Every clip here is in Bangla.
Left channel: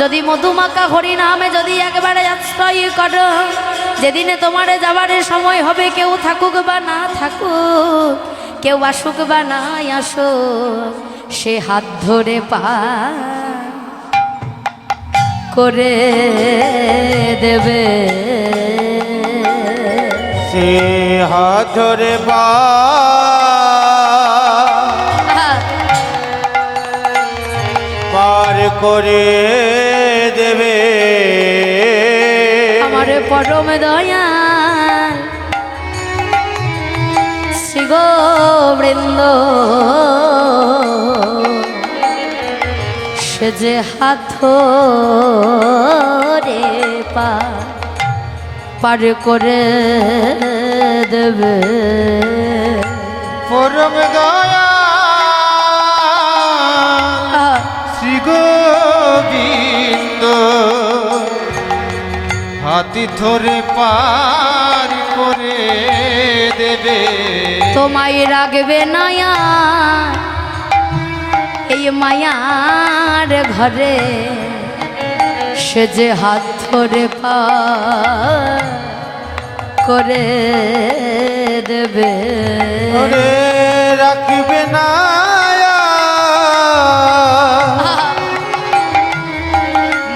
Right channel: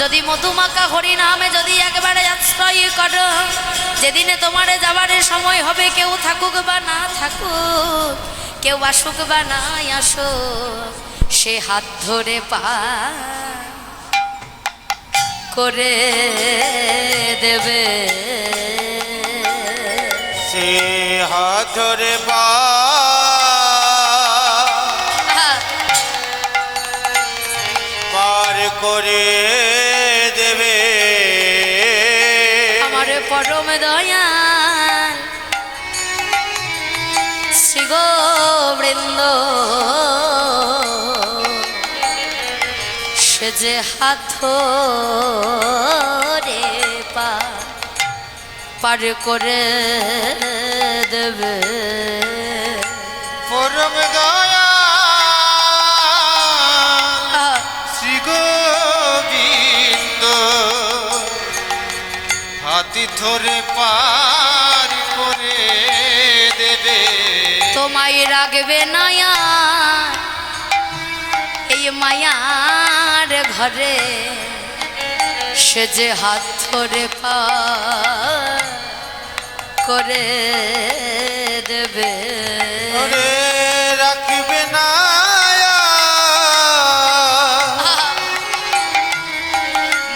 যদি মধুমাখা হরিনামে যদি একবারে আশ্রয় করো, যেদিনে তোমার যাবার সময় হবে, কেউ থাকুক বা না থাকুক, কেউ আসুক বা না আসুক, সে হাত ধরে পা করে দেবে, সে হাত ধরে পা পার করে দেবে। আমার পরম দয়াল শ্রী গোবৃন্দ সে যে হাত ধরে পার করে দেবে। পরম দয়া শ্রী গোবিন্দ হাতি ধরে পার করে দেবে। তোমায় রাখবে না এই মায়ার ঘরে, সে যে হাত ধরে পার করে দেবে। ওরে রাখবে না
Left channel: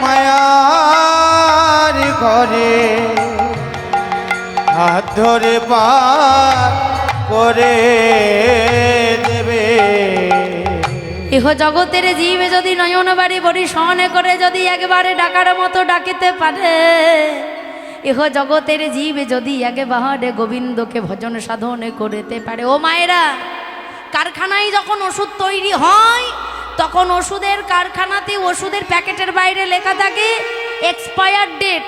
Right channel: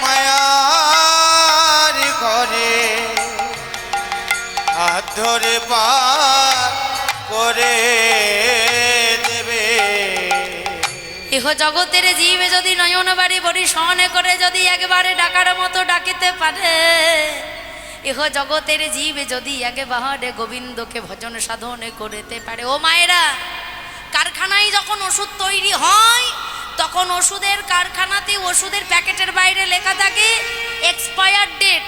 মায়ার ঘরে, হাত ধরে পার করে দেবে। ইহ জগতের জীব যদি নয়ন বাড়ি পরিশনে করে যদি একবারে ডাকার মতো ডাকিতে পারে, ইহ জগতের জীব যদি একবারে গোবিন্দকে ভজন সাধন করতে পারে। ও মায়েরা, কারখানায় যখন ওষুধ তৈরি হয়, তখন ওষুধের কারখানাতে ওষুধের প্যাকেটের বাইরে লেখা থাকে এক্সপায়ার ডেট,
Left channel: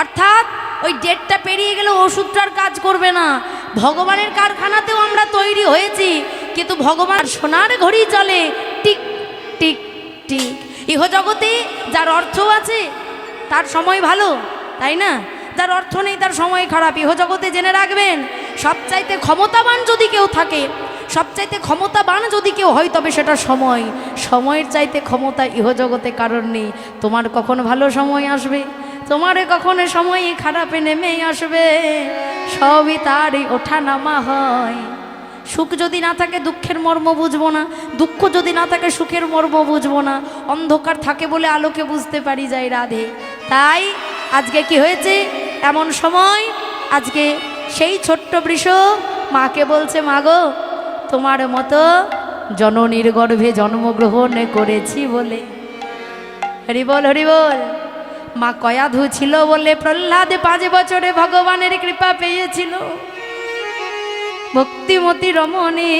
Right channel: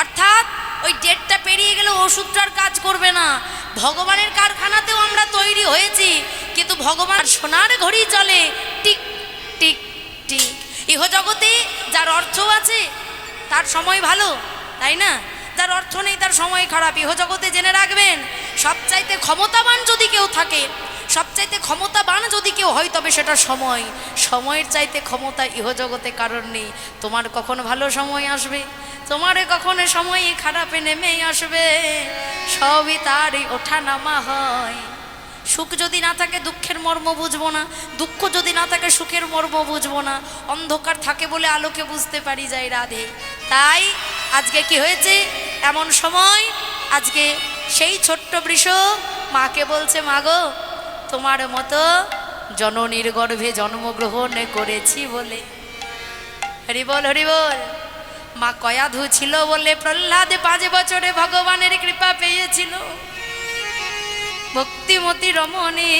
অর্থাৎ ওই ডেটটা পেরিয়ে গেলে ওষুধটার কাজ করবে না। ভগবানের কারখানাতেও আমরা তৈরি হয়েছি, কিন্তু ভগবান সোনার ঘড়ি চলে টিক টিক টিক। ইহ জগতে যার অর্থ আছে তার সময় ভালো, তাই না? যার অর্থ নেই তার সময় খারাপ। ইহ জগতে জেনে রাখবেন, সবচাইতে ক্ষমতাবান যদি কেউ থাকে, সবচাইতে ক্ষমতাবান যদি কেউ হয়, তবে সেটা সময়। সময়ের চাইতে ক্ষমতা ইহ জগতে কারণ নেই। তোমার কখন ভালো সময় আসবে, তোমারে কখনো সময় খারাপে নেমে আসবে, সবই তারই ওঠা নামা হয়। সুখ যদি না থাকে দুঃখের মর্ম বুঝবো না, দুঃখ যদি না থাকে সুখের মর্ম বুঝবো না। অন্ধকার থাকে বলে আলোকে বুঝতে পারি যাই রাধে। তাই আজকে কি হয়েছে, এমন সময় আজকে সেই ছোট্ট বৃষ মাকে বলছে, মা গো, তোমার মতো জননীর গর্ভে জন্মগ্রহণ করেছি বলে। হরি বল হরি বল। মা কয়াধু ছিল বলে প্রহ্লাদ 5 বছরে ভগবানের কৃপা পেয়েছিল। ভক্তিমতী রমণী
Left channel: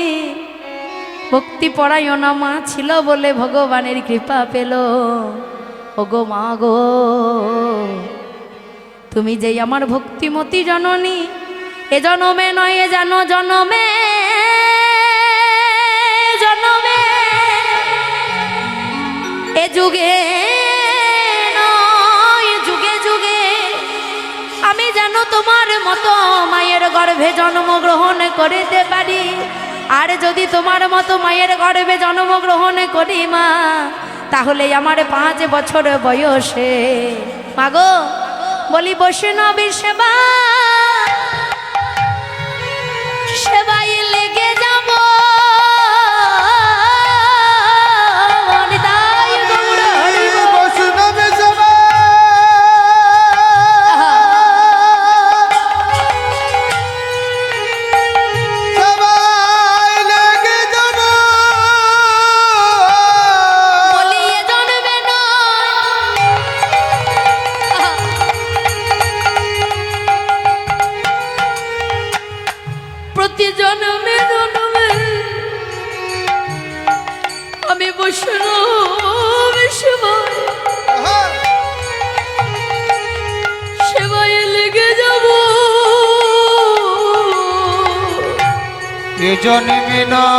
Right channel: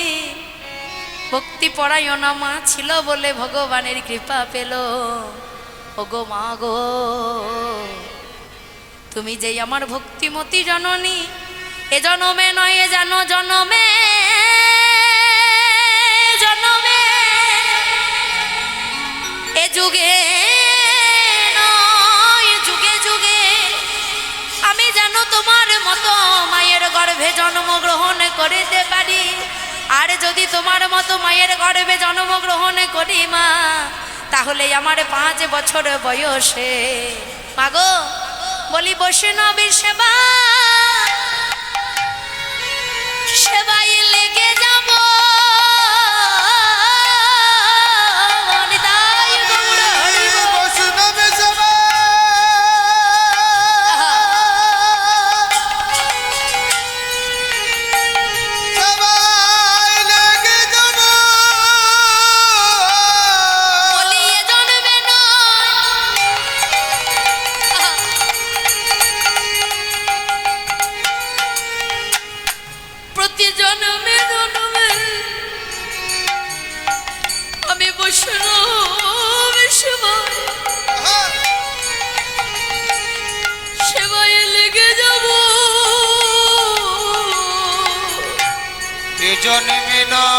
ভক্তি পরায়ণা মা ছিল বলে ভগবানের কৃপা পেল। ওগো মা গো, তুমি যেই আমার ভক্তিমতী জননী, এ জনমে নয় এ যেন জনমে জনমে, এ যুগে আমি যেন তোমার মতো মায়ের গর্ভে জন্মগ্রহণ করিতে পারি। আর যদি তোমার মতো মায়ের গর্ভে জন্মগ্রহণ করি মা, তাহলে আমার 5 বছর বয়সে মাগো বলি বৈষ্ণবীর সেবা সেবাই লেগে যাব। জন্মে নয়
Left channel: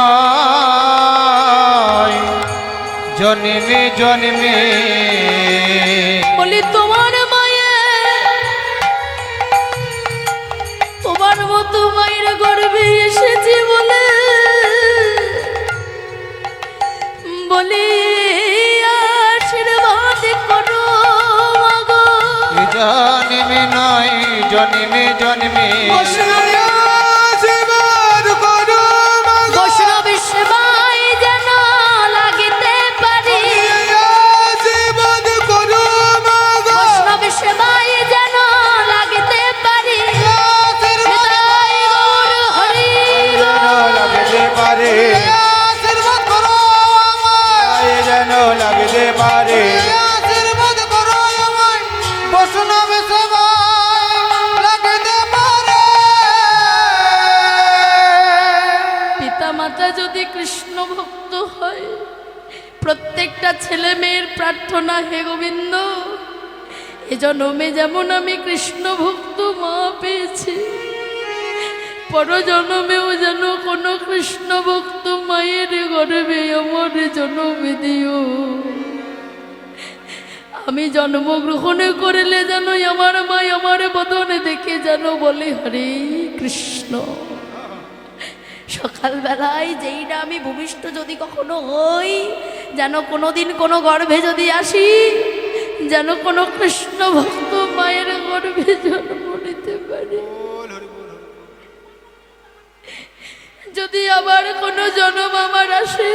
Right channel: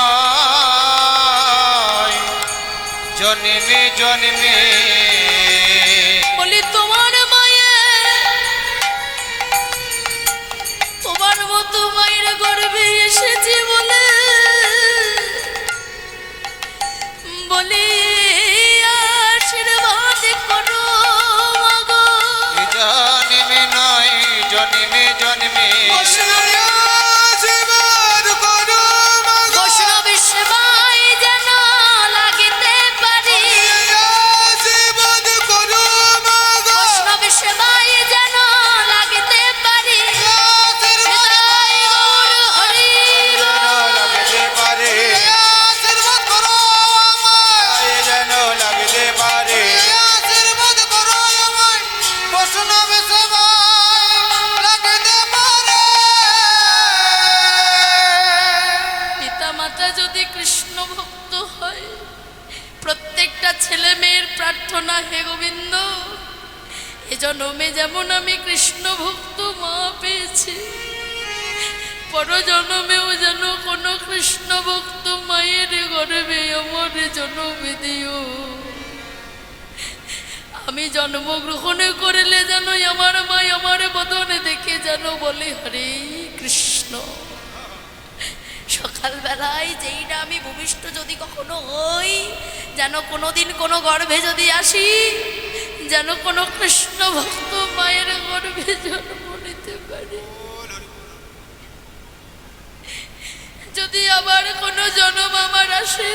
জন্মে জন্মে বলি তোমার মায়ে, তোমার মতো মায়ের গর্ভে এসেছি বলে বলি আশীর্বাদ করো। কৃষ্ণ ভক্ত হয়। প্রত্যেকটা ছেলে মেয়ের প্রার্থনা, হে গোবিন্দ এ জন্মে যেমন আমি কৃষ্ণ ভক্ত মা পেয়েছি, পরজন্মেও যেন কোনো কৃষ্ণ ভক্ত মায়ের গর্ভে আমার জন্ম দিও। আমি জন্মগ্রহণ করলে যেন আমার মা আমার বদনে দেখে যেন বলে হরে কৃষ্ণ। সকালবেলায় যেই না আমি ভূমিষ্ঠ যদি কখনো হই, যেন কোনোদিন কোনো গর্ভে যদি আসি, যেন কোনো কৃষ্ণ ভক্ত মায়ের গর্ভে জন্ম নিতে পারে। যদি আবার কোনো জন্ম আমার আসে,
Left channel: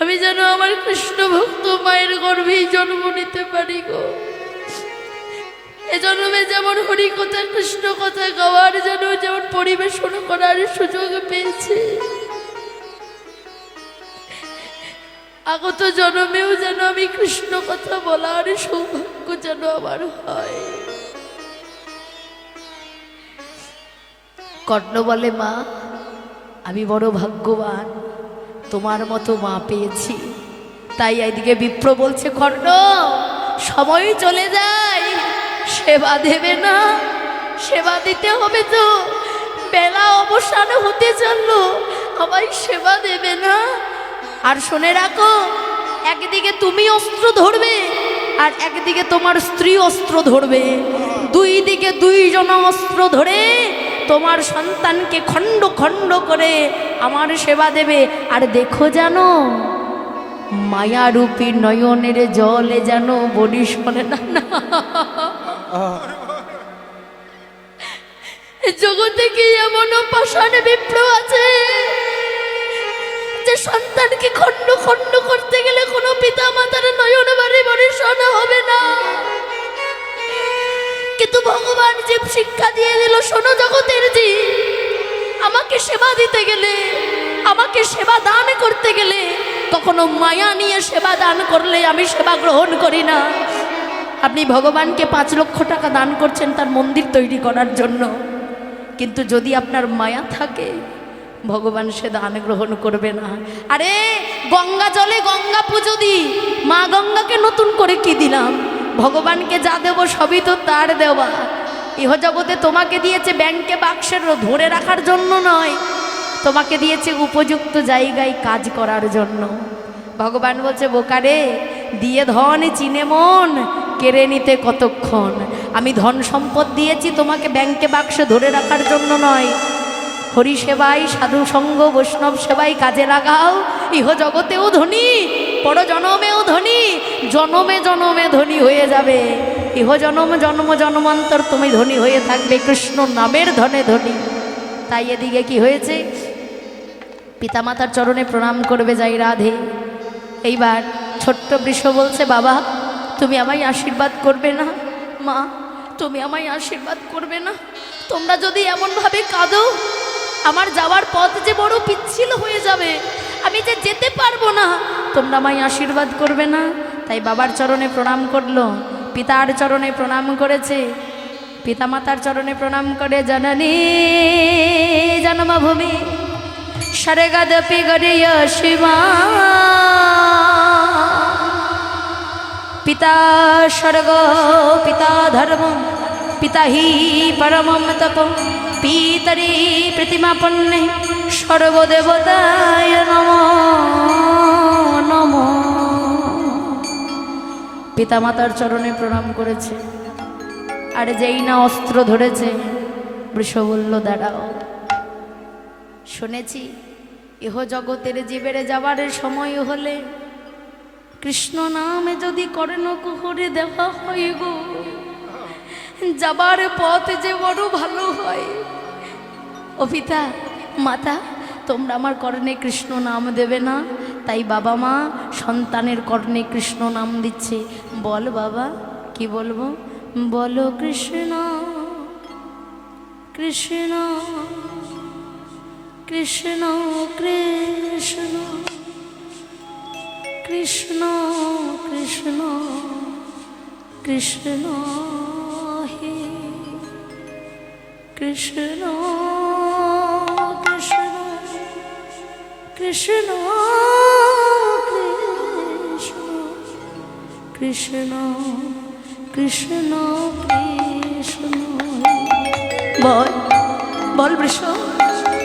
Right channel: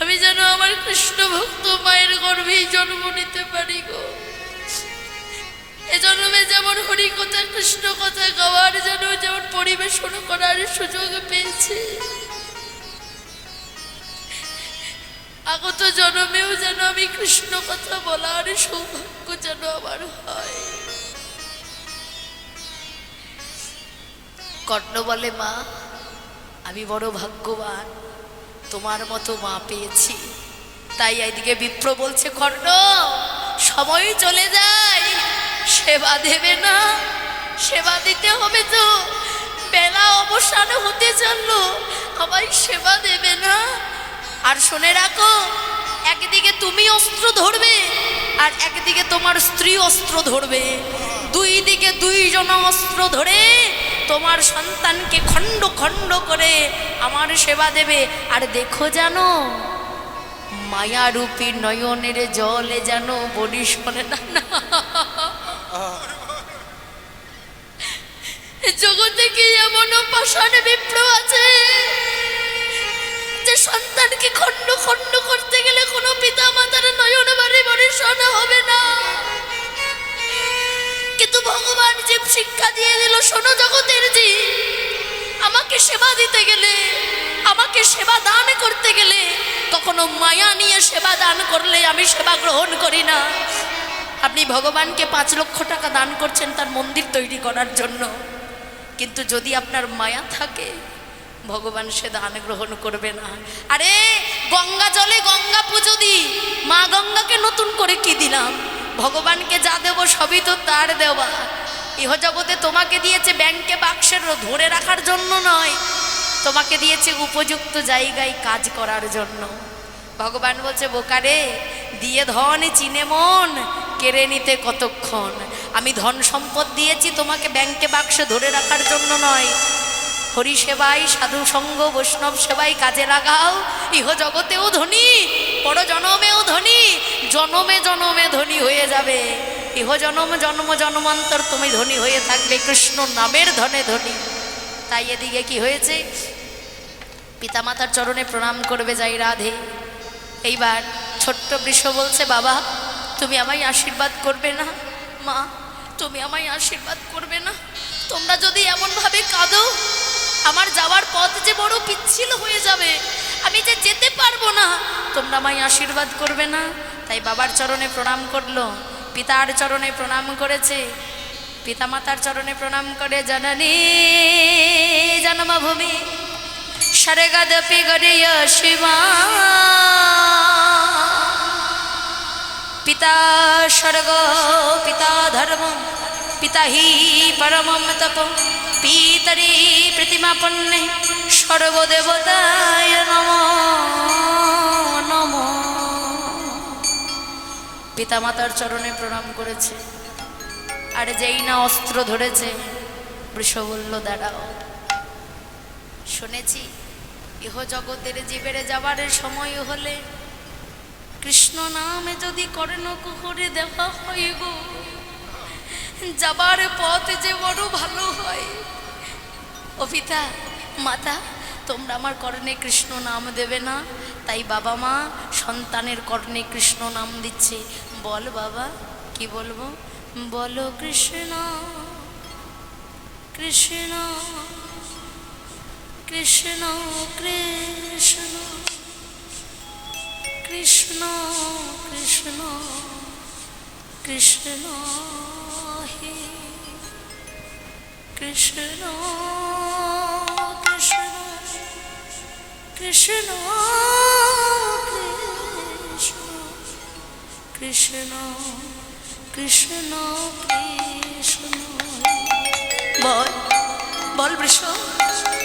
আমি যেন আমার কৃষ্ণ ভক্ত মায়ের গর্ভেই জন্ম নিতে পারি গো। এ জন্মে যেমন হরি কথা কৃষ্ণ কথা গাওয়ার যেমন পরিবেশন করার সুযোগ পেয়েছি, আগত জন্মেও যেন আমি কৃষ্ণ কথা বলার সৌভাগ্য যেন আমার হয়। কর্ণ বলে, মা আমি বড় ভাগ্যবান, তোমার মতো মা পেয়েছি। তাই এদিকে বিপ্র বলছে, কর্ণ সময় চলে যায়, সেবা দেবে না? সেবা দিতে হবে তো, বেলা অবসান হতে চললো, আমায় সেবা দেবে না? আর শুনে রাখো, একদিকে তুমি অস্ত্র ধরবে আর একদিকে তোমার স্ত্রী অস্ত্র ধরবে, দুই দিকে দুইজন অস্ত্র ধরে তোমার সন্তানকে খণ্ড খণ্ড করে আমার সেবা দেবে। আর দেখো জানো, মায়ারূপী নয়নের জলে যেন বলি শোনে না। জগতে কি এমন পাষাণ বিপ্র আছে যে সন্তানকে খণ্ড খণ্ড করতে গেলে কোনো পিতা মাতার নয়ন বাড়ি বরিশন হবে না? কিন্তু ভগবান যে শিক্ষা দিয়ে দিল, শোনো জগতের জীব, আমাকে সেবা দিতে গেলে, আমাকে সেবা দান করতে গেলে কখনো মায়া নিয়ে সেবা দান করলে আমি সেবা গ্রহণ করি না। আপনি ভগবানকে 5 লক্ষ টাকা দান করছেন তার মন্দির তৈরি করার জন্য, কিন্তু যদি আপনার মায়া থাকে ভগবান সে দান গ্রহণ করবে না। আরে গঙ্গা জলে গঙ্গা পুজো দিই, মা গঙ্গাকে নতুন করে কি দিলাম? ভগবানকে যা দেব সবই তো তার দেওয়া। ইহ জগতে তোমাকে দিয়েছে ব্যাংকে বাক্সের ধরে রাখার জন্য নয়, তোমাকে দিয়েছে উপযুক্ত জায়গায় কাজ করার জন্য। ভগবান বলছে, বোকারে দিয়ে ধন চিনে মন, কেড়ে নিতে কতক্ষণ। আমি ধন সম্পদ দিয়েছি তোমাকে ব্যাংকে বাক্সে ধরে রাখার জন্য নয়। হরি সেবাই, সাধু সঙ্গ, বৈষ্ণব সেবাই কাজে লাগাও, ইহ জগতেও ধনী, পর জনমেও ধনী, জনমে জনমে ধনী হয়ে যাবে। ইহ জনম জন্ম জন্মান্তর তুমি ধনী হয়ে থাকবে, কৃষ্ণ নামের ধনে ধনী। তাই এদিকে কি হয়েছে, পিতামাতার চরণে প্রণাম করবে যাই রাধে। এইবার ছোট্ট বৃষ বলছে, বাবা তুমি আমায় আশীর্বাদ করবে না? মা তুমি আমায় আশীর্বাদ করবে না? তোমরা যদি এমনভাবে কাঁদো, আমার যাওয়ার পথ যে বড় পিচ্ছিল হয়ে যাবে, আমি যে যেতে পারবো না, তোমরা আমায় আশীর্বাদ করবে না? তাই বাবার চরণে প্রণাম করলো, পিতার চরণে প্রণাম করেছে। পিতামাতার চরণে প্রণাম করে, জননী জন্মভূমি স্বর্গদপি গরিয় শিবা, পিতা স্বর্গ পিতা ধর্ম, পিতা হি পরমম তপ, পিতরি প্রতিমাপন্নে সর্বদেবতায় নমো নমো। পিতামাতার চরণে প্রণাম করেছে। আর যেই না অস্ত্র ধরেছে, বৃষ বলল, দাঁড়াও, শুনেছি ইহ জগতের জীবের যাবার সময় হলে কৃষ্ণ নামে যদি কর্ণ কুহরে দেওয়া হয় গো, যাবার পথ যে বড় ভালো হয়। ও পিতা মাতা, তোমরা আমার কর্ণে কৃষ্ণ নাম দেবে না? তাই বাবা মা সন্তানের কর্ণে কৃষ্ণ নাম দিচ্ছে। বল বাবা, কি বলবো? বলো কৃষ্ণ কৃষ্ণ কৃষ্ণ কৃষ্ণ কৃষ্ণ কৃষ্ণ কৃষ্ণ হে কৃষ্ণ কৃষ্ণ কৃষ্ণ কৃষ্ণ কৃষ্ণ কৃষ্ণ বল বল বৃষ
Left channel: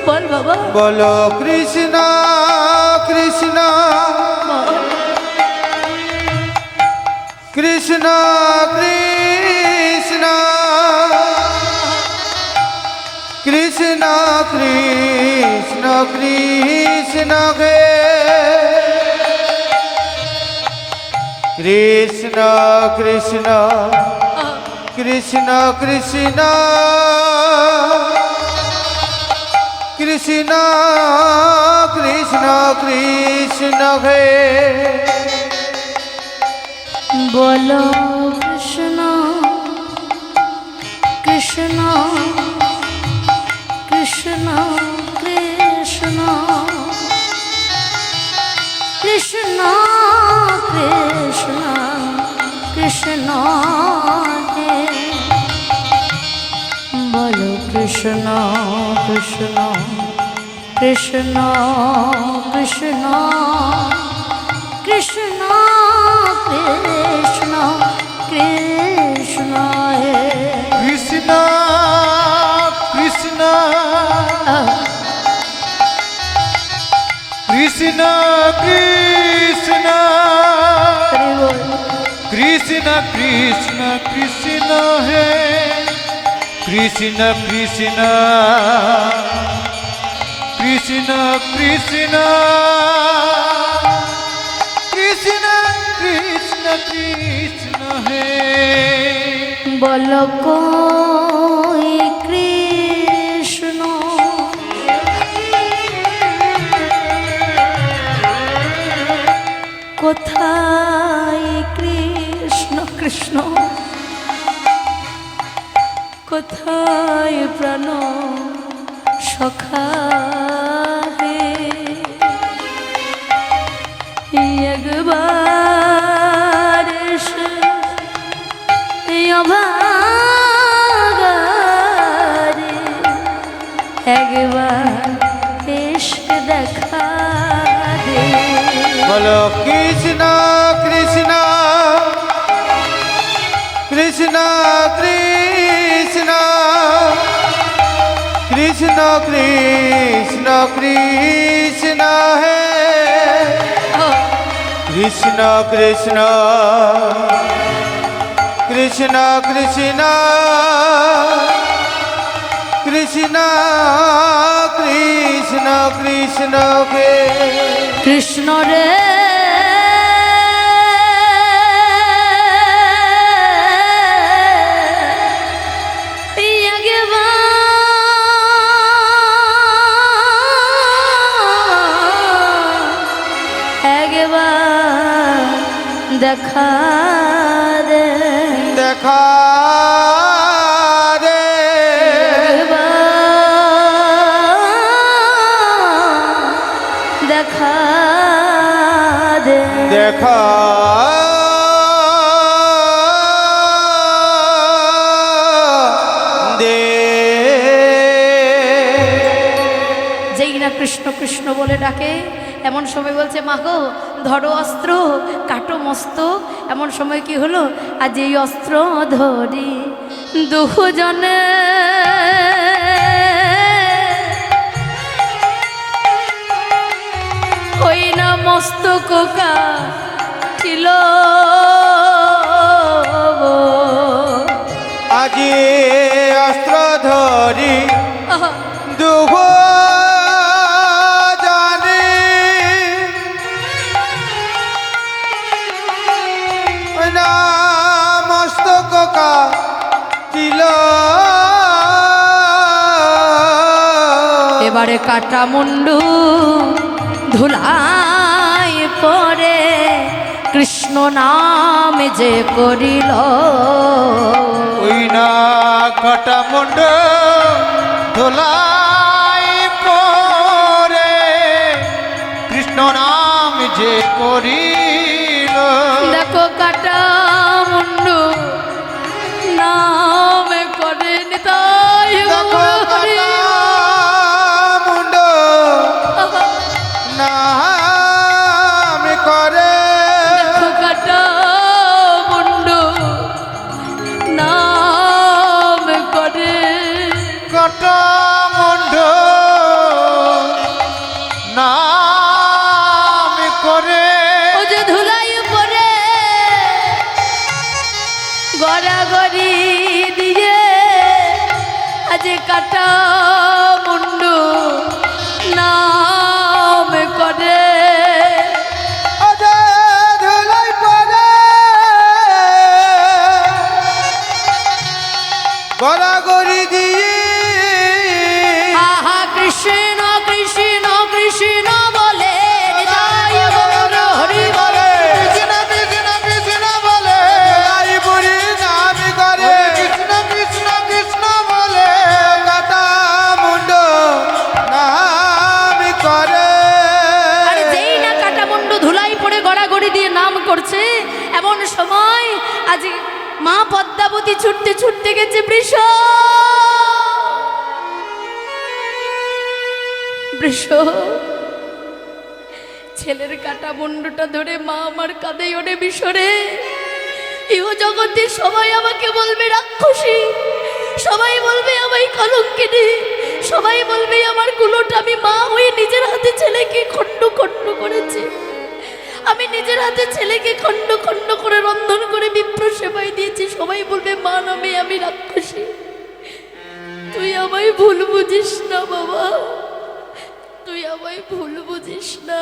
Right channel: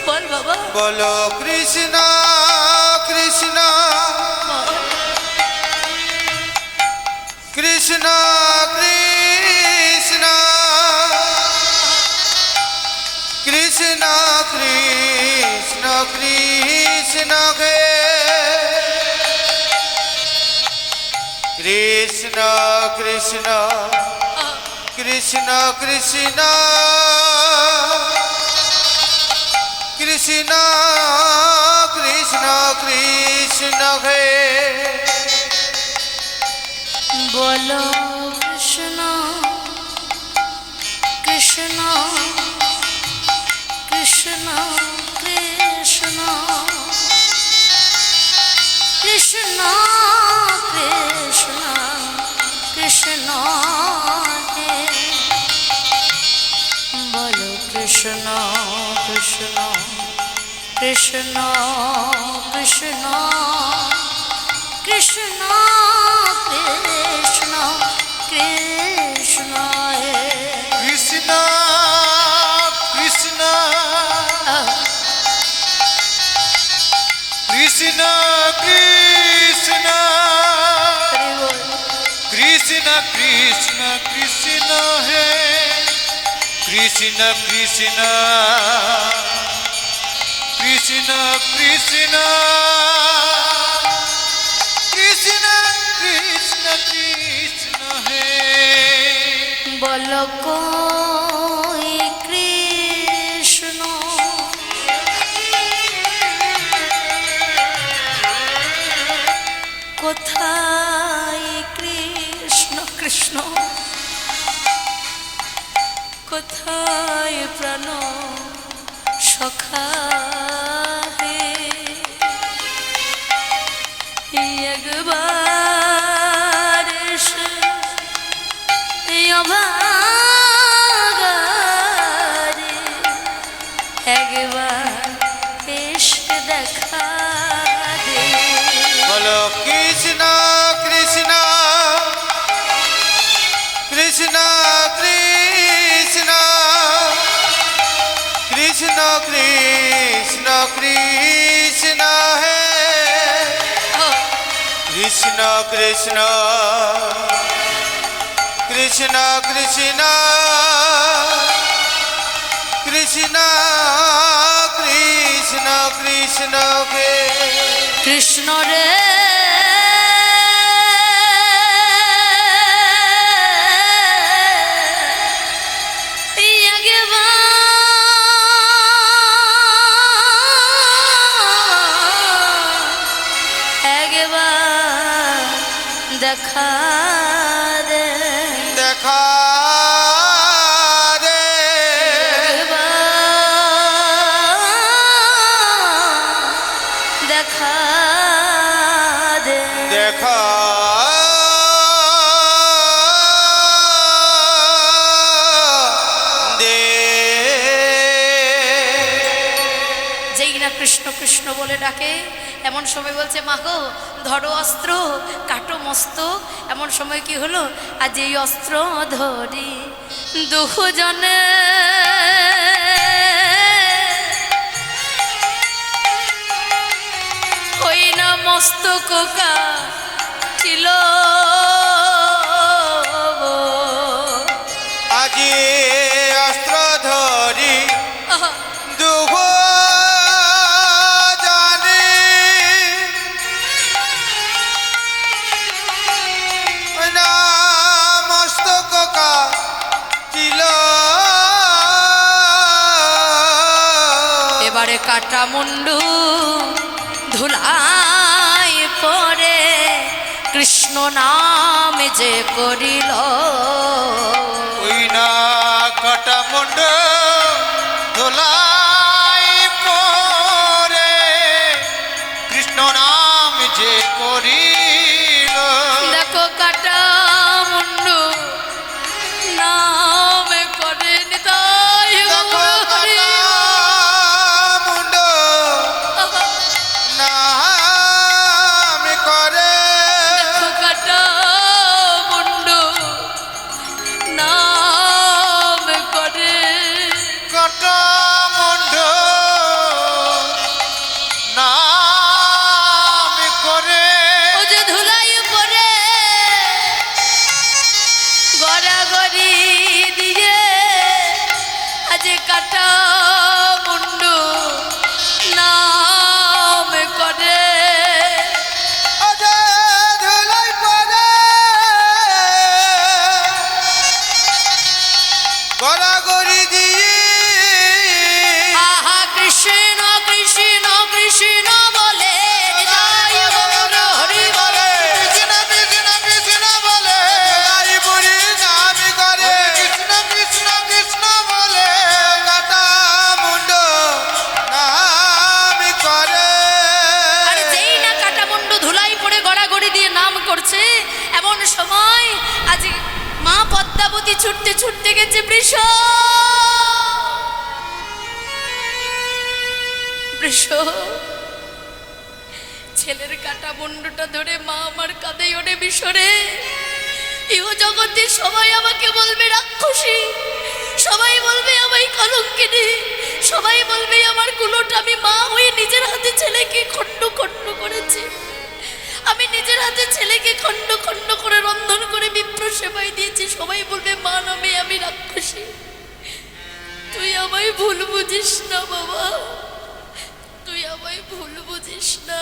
বল বাবা বলো কৃষ্ণ কৃষ্ণ কৃষ্ণ কৃষ্ণ কৃষ্ণ কৃষ্ণ কৃষ্ণ হে কৃষ্ণ কৃষ্ণ কৃষ্ণ কৃষ্ণ কৃষ্ণ কৃষ্ণ কৃষ্ণ হে বলো কৃষ্ণ কৃষ্ণ কৃষ্ণ কৃষ্ণ কৃষ্ণ কৃষ্ণ কৃষ্ণ হে বলো কৃষ্ণ কৃষ্ণ কৃষ্ণ কৃষ্ণ কৃষ্ণ কৃষ্ণ কৃষ্ণ হে কৃষ্ণ কৃষ্ণ কৃষ্ণ কৃষ্ণ কৃষ্ণ কৃষ্ণ কৃষ্ণ হে কৃষ্ণ কৃষ্ণ কৃষ্ণ কৃষ্ণ কৃষ্ণ কৃষ্ণ কৃষ্ণ হে বলো কই কৃষ্ণ কোথায় কৃষ্ণ কৃষ্ণ কোথায় প্রাণ সখা হে একবার এসে অভাগারে একবার এসে দেখা দে বলো কৃষ্ণ কৃষ্ণ কৃষ্ণ কৃষ্ণ কৃষ্ণ কৃষ্ণ কৃষ্ণ হে কৃষ্ণ কৃষ্ণ কৃষ্ণ কৃষ্ণ কৃষ্ণ কৃষ্ণ কৃষ্ণ হে কৃষ্ণ রে দেখা দে দেখা দে দেখা দে দেখা দে যেই না কৃষ্ণ কৃষ্ণ বলে ডাকে এমন সময় বলছে মা গো ধরো অস্ত্র কাটো মস্তক এমন সময় কি হলো আজ এই অস্ত্র ধরি দুজনে ওই না মস্তক ছিল আজি অস্ত্র ধরি দুহ এবারে কাটা মুন্ডু ধুলাই পরে কৃষ্ণ নাম যে করিল ওই না কাটা মুন্ড ধুলাই পরে কৃষ্ণ নাম যে করিল দেখো কাটা মুন্ডু নাম করে নিতাই দেখো কাটা মুন্ড না কাটা মুন্ডু নাম করে ধুলাই পরে গড়াগড়ি দিয়ে আহা কৃষ্ণ কৃষ্ণ কৃষ্ণ বলে নিতাই গৌর হরি বলে কৃষ্ণ কৃষ্ণ কৃষ্ণ বলে আই বুড়ি নামি করে কৃষ্ণ কৃষ্ণ কৃষ্ণ বলে কাটা মুন্ড নামি করে। আর যেই না কাটা মুন্ডু ধুলাই পড়ে গড়াগড়ি দিয়ে নাম করছে, এমন সময় আজ মা পদ্মাবতী ছুটতে ছুটতে গেছে বৃষ বৃষ ছেলের কাটা মুন্ডুটা ধরে মা আমার কাঁদে ওরে বিশরে। ইহ জগতে সবাই আমাকে বলবে রাক্ষসী, সবাই বলবে আমায় কলঙ্কিনী, সবাই বলবে আমার কুলোটা। আমি মা হয়ে নিজের হাতে ছেলেকে খণ্ড খণ্ড করেছি, আমি নিজের হাতে ছেলেকে খণ্ড খণ্ড করে রন্ধন করে বিপ্র সেবাই দিয়েছি। সবাই বলবে মা নামে আমি রাক্ষসী। তুই আমায় ভুল বুঝিস না বাবা, তুই আমায় ভুল বুঝিস না।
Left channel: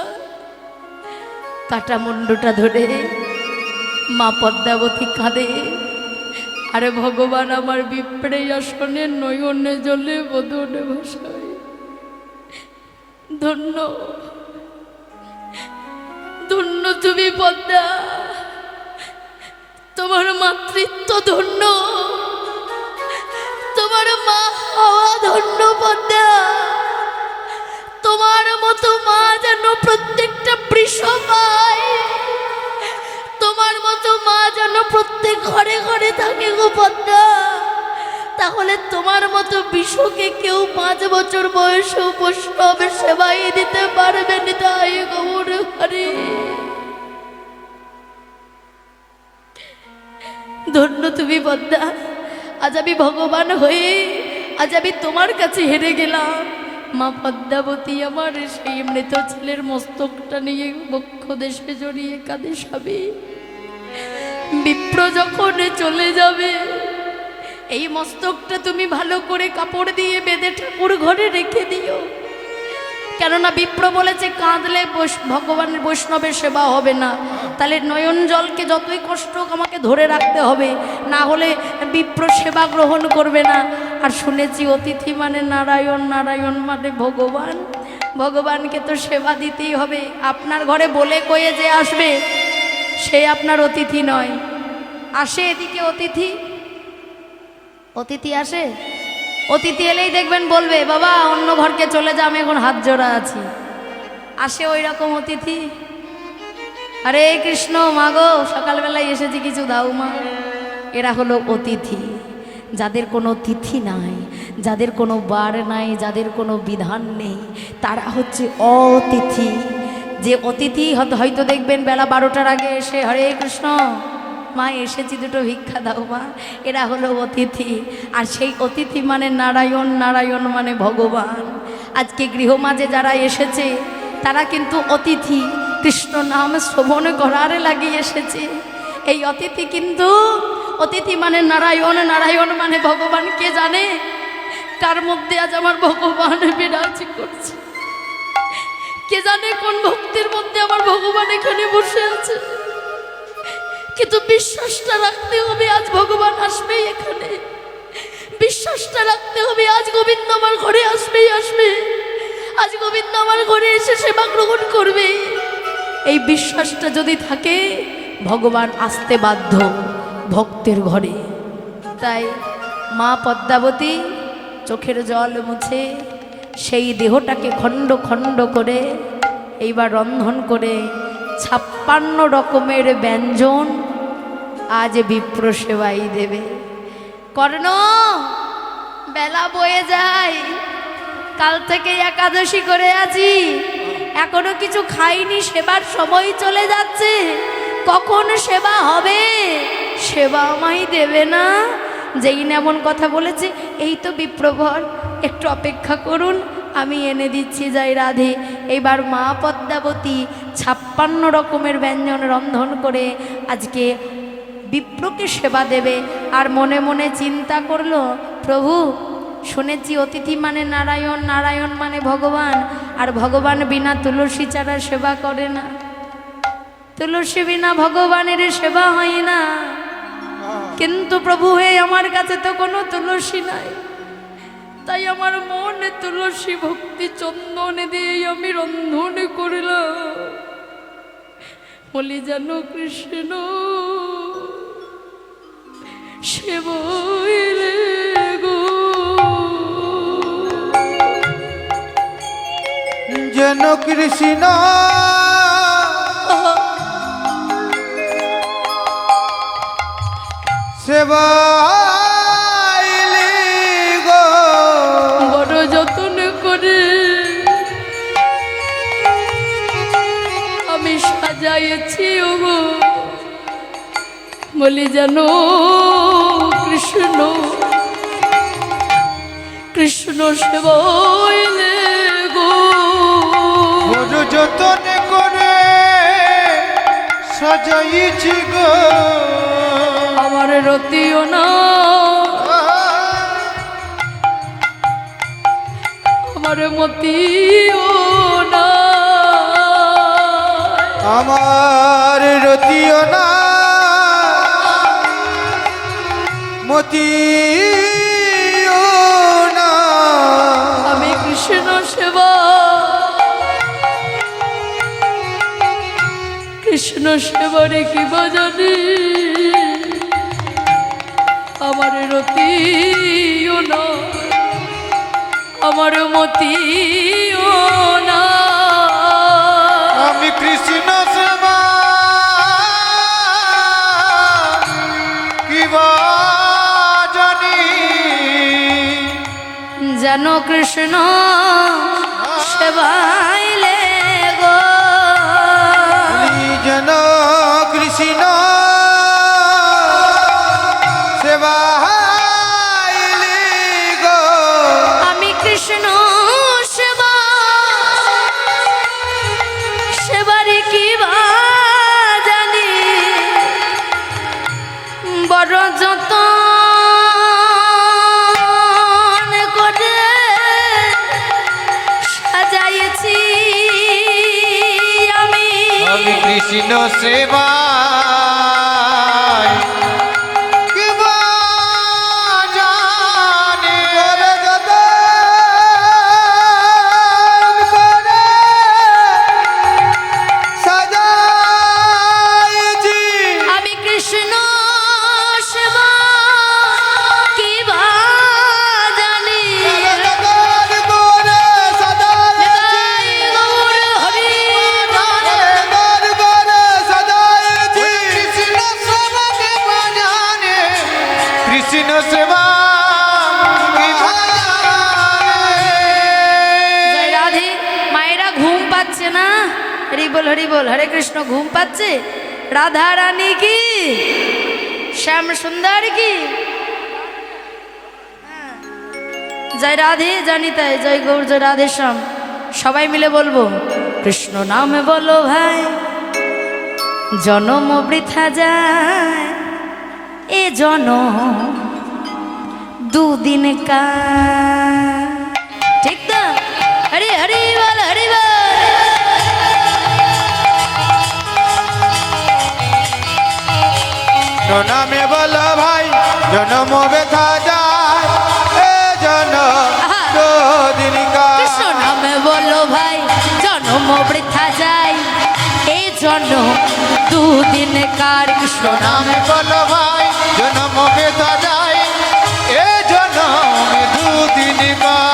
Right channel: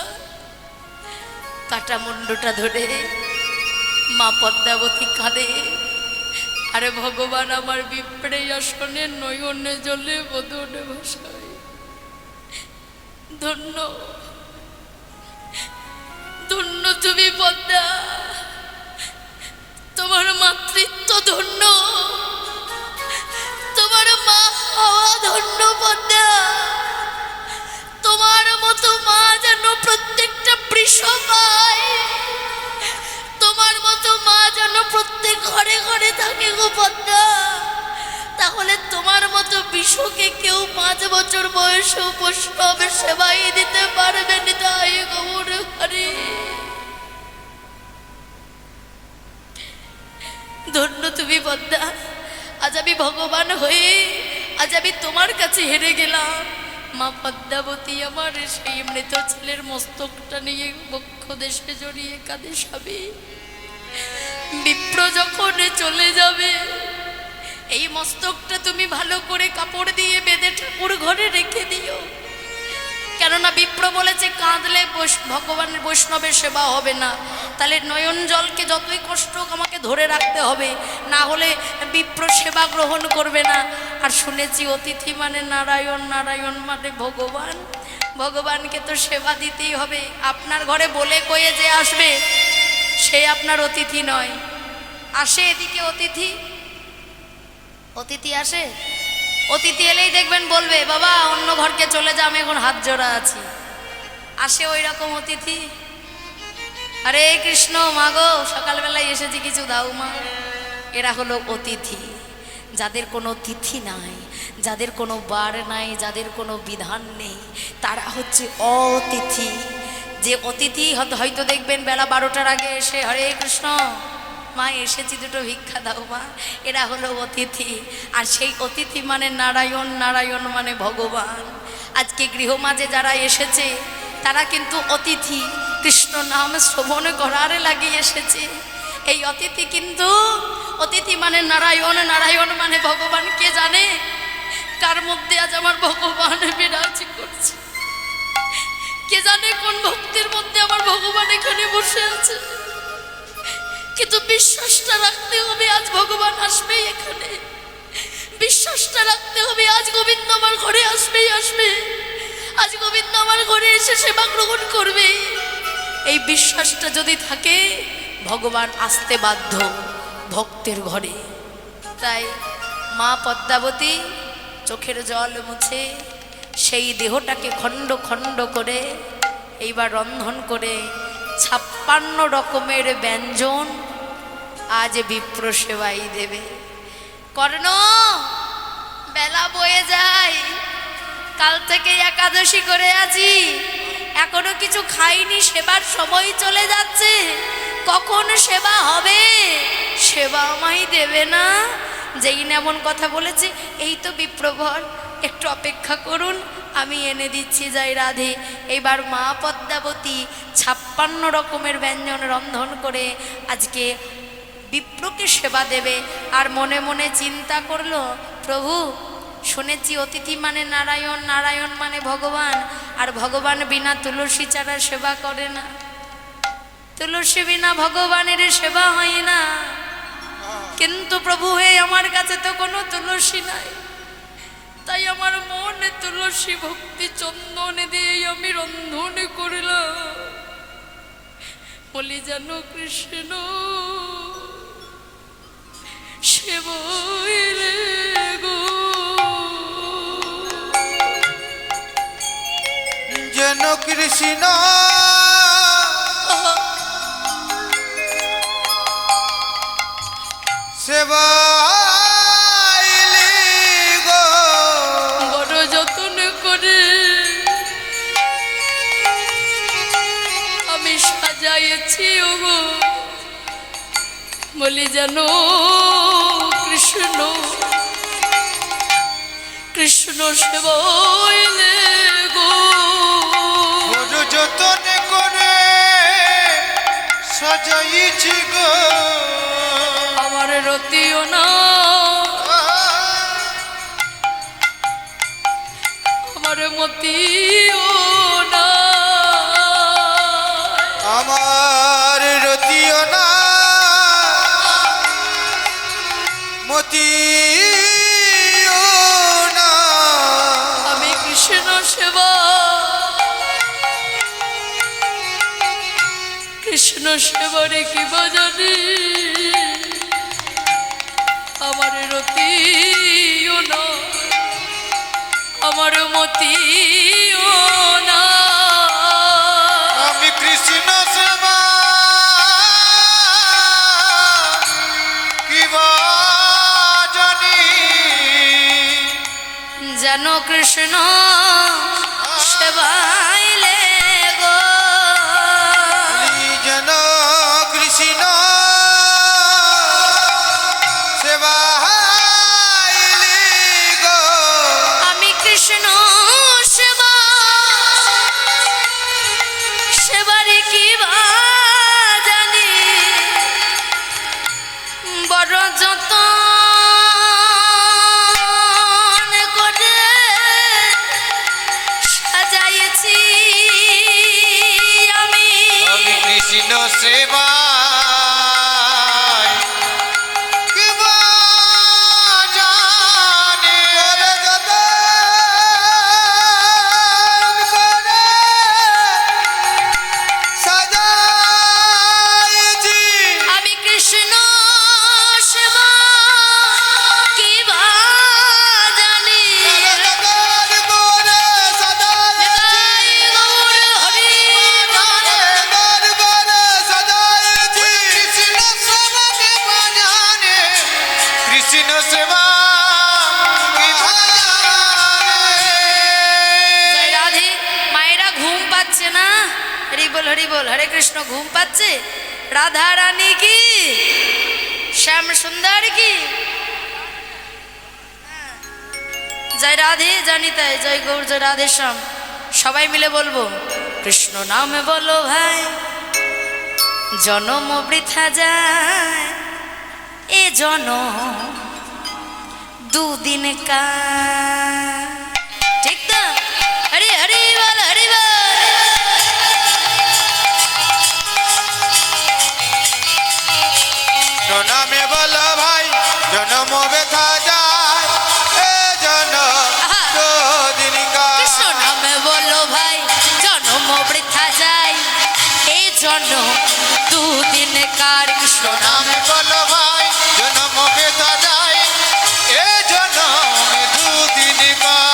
কাটা মুন্ডটা ধরে মা পদ্মাবতী কাঁদে, আরে ভগবান আমার বিপ্রে আসনে নয়নে জলে বদনে ভাসায়। ধন্য ধন্য তুমি পদ্মা, তোমার মাতৃত্ব ধন্য, তোমার মা হওয়া ধন্য পদ্মা। তোমার মতো মা যেন প্রত্যেকটা বৃষ পায়, তোমার মতো মা যেন প্রত্যেক ঘরে ঘরে থাকে গো পদ্মা। তাহলে তোমার মতো বিশ্বকে কেউ 5 বছর বয়সে বৈষ্ণবে সেবাই দিতে পারবে নিতাই গৌর হরি। ধন্য তুমি পদ্মা, আজ আমি ভগবান হয়ে আজ আমি তোমার কাছে হেরে গেলাম। মা পদ্মাবতী আমার সেই মৃত ছেলের মস্তকটা নিয়ে বক্ষ দেশে জড়িয়ে কাঁদে স্বামী। বিপ্র যখন চলে যাবে এই মস্তকটা তুমি ভালো করে কাপড় দিয়ে বেঁধে ঠাকুর ঘরে রেখে দিও, কেননা বিপ্র বলেছে কাঁদলে ভগবানের বৈষ্ণবের সেবা হবে না। তাহলে নয়ন জলকে যতই কষ্ট হোক আমাকে ধরে রাখতে হবে, না হলে বিপ্র সেবা গ্রহণ করবে না। আর শুনেছি অতিথি মানে নারায়ণ, নারায়ণ মানে ভগবান, ভগবানকে তো সেবা দিতেই হবে। আপনার ঘরে বলে কয়ে যে আসবে সে আপনার অতিথি নয়। আসে এদিকে অতিথি, অতিথি আসে, অতিথি এলেই দেখবেন বলবে বাবা অন্য ঘরকে চলে যা, আমি এখন হাত জোড়া আছি। আসে ওই রকম অতিথি, আরে কৃষ্ণ মাগো সকালবেলায় এসেছি কিছু দাও মা। এরা হলো অতিথি, যাদের কোনো তিথি নাই, যাদের কোনো বার নাই, যাদের কোনো বিধান নেই, তারা হচ্ছে অতিথি। যে অতিথি হয়তো দেখবেন বেলা 12টার আগে এসে হরে কৃষ্ণ মা এসেছি দুটো ভিক্ষা দাও মা, এরা হলো অতিথি। আর সেই অতিথি মানে নারায়ণ, নারায়ণ মানে ভগবান। আজকে গৃহমাঝে যারা এসেছে তারা কিন্তু অতিথি, কৃষ্ণ নাম শ্রবণ করার লাগিয়ে এসেছে। এই অতিথি কিন্তু অতিথি মানে নারায়ণ, নারায়ণ মানে ভগবান। কে জানে কার মধ্যে আজ আমার ভগবান বিরাজ করছে, কে জানে কোন ভক্তির মধ্যে আমার ভগবান এখানে বসে আছে। কিন্তু বিশ্বাসটা রাখতে হবে আজ ভগবান আসবেই এখানে, বিশ্বাসটা রাখতে হবে আজ গোবিন্দ আমার ঘরে আসবেই আসবে, আজ গোবিন্দ আমার ঘরে এসে সেবা গ্রহণ করবে। এই বিশ্বাসটা যদি থাকে ভগবান আসতে বাধ্য ভক্তের ঘরে। তাই মা পদ্মাবতী চোখের জল মুছে সেই দেহটাকে খণ্ড খণ্ড করে এইবার রন্ধন করে 56 রকমের ব্যঞ্জন আজ বিপ্র সেবাই দেবে। কর্ণ বেলা বয়ে যায়, কাল থেকে একাদশী করে আছি, এখনো কিছু খাইনি, সেবার সময় চলে যাচ্ছে, কখন সেবা হবে? সেবা আমায় দেবে না? যেই না এমন কথা বলেছে, এই তো বিপ্রভর, একটু অপেক্ষা করুন আমি এনে দিচ্ছি যাই রাধে। এইবার মা পদ্মাবতী 56 রকমের ব্যঞ্জন রন্ধন করে আজকে বিপ্রকে সেবা দেবে। আর মনে মনে চিন্তা করলো, প্রভু শুনেছি অতিথি মানে নারায়ণ, নারায়ণ মানে ভগবান, আর ভগবান বিনা তুলসী ছাড়া সেবা করে না। তুলসী বিনা ভগবানের সেবা হয় না। কিন্তু প্রভু হে, আমার কাছে তো কোনো তুলসী নাই, তাই আমার মনে তুলসী ভক্তি চন্দন দিয়ে আমি রন্ধন করিলাম। বলি জানো কৃষ্ণ সেবইলে গো, যেন কৃষ্ণ সেবাইলি গো, বড় যত্ন করে আমি সাজাইছি ওগো। বলি জানো কৃষ্ণ, কৃষ্ণ সেবইলে গো, বড় যতন করে সাজাইছি গো, আমার রতিও না, আমার মতিও না, আমার রতিও না, মতিও না। আমি কৃষ্ণ সেবা, কৃষ্ণ সেবারে কি বাজানি, আমার রতিও না, আমার মতিও না। আমি কৃষ্ণ সেবা কিবা জানি, যেন কৃষ্ণ সেবাইলে গো, যেন কৃষ্ণ সেবাইলি গো, আমি কৃষ্ণ সেবা, সেবারে কি বা জানি, বড় যতন করে সাজাইছি আমি, আমি কৃষ্ণ সেবা কিবা জানি, করে সাজাইছি। আমি কৃষ্ণ সেবা কি বা জানি, করে সাজাইছি, গৌর হরি বল। করে সাজাইছি। কৃষ্ণ সেবা কিবা জানি, কৃষ্ণ সেবা কিবা জানি। জয় রাধে। মায়েরা ঘুম পাচ্ছে না? হরি বল হরি বল, হরে কৃষ্ণ। ঘুম পাচ্ছে? রাধা রানী কি, শ্যাম সুন্দর কি? জয় রাধে, জানি তাই। জয় গৌর, জয় রাধে শ্যাম। সবাই মিলে বলবো, কৃষ্ণ নামে বলো ভাই, জনম বৃথা যায়, এ জনম দুদিন কা। ঠিক তো? হরি হরি বল, হরি বল। নামে বলো ভাই, জনম ব্যথা যায়, এ জনম দুদিন কার। কৃষ্ণ নামে বলো ভাই, জনম বৃথা যায়, এই জন্ম দুদিন কার। কৃষ্ণ নামে বলো ভাই, জনম ব্যথা যায়, এ জনম দুদিন কার।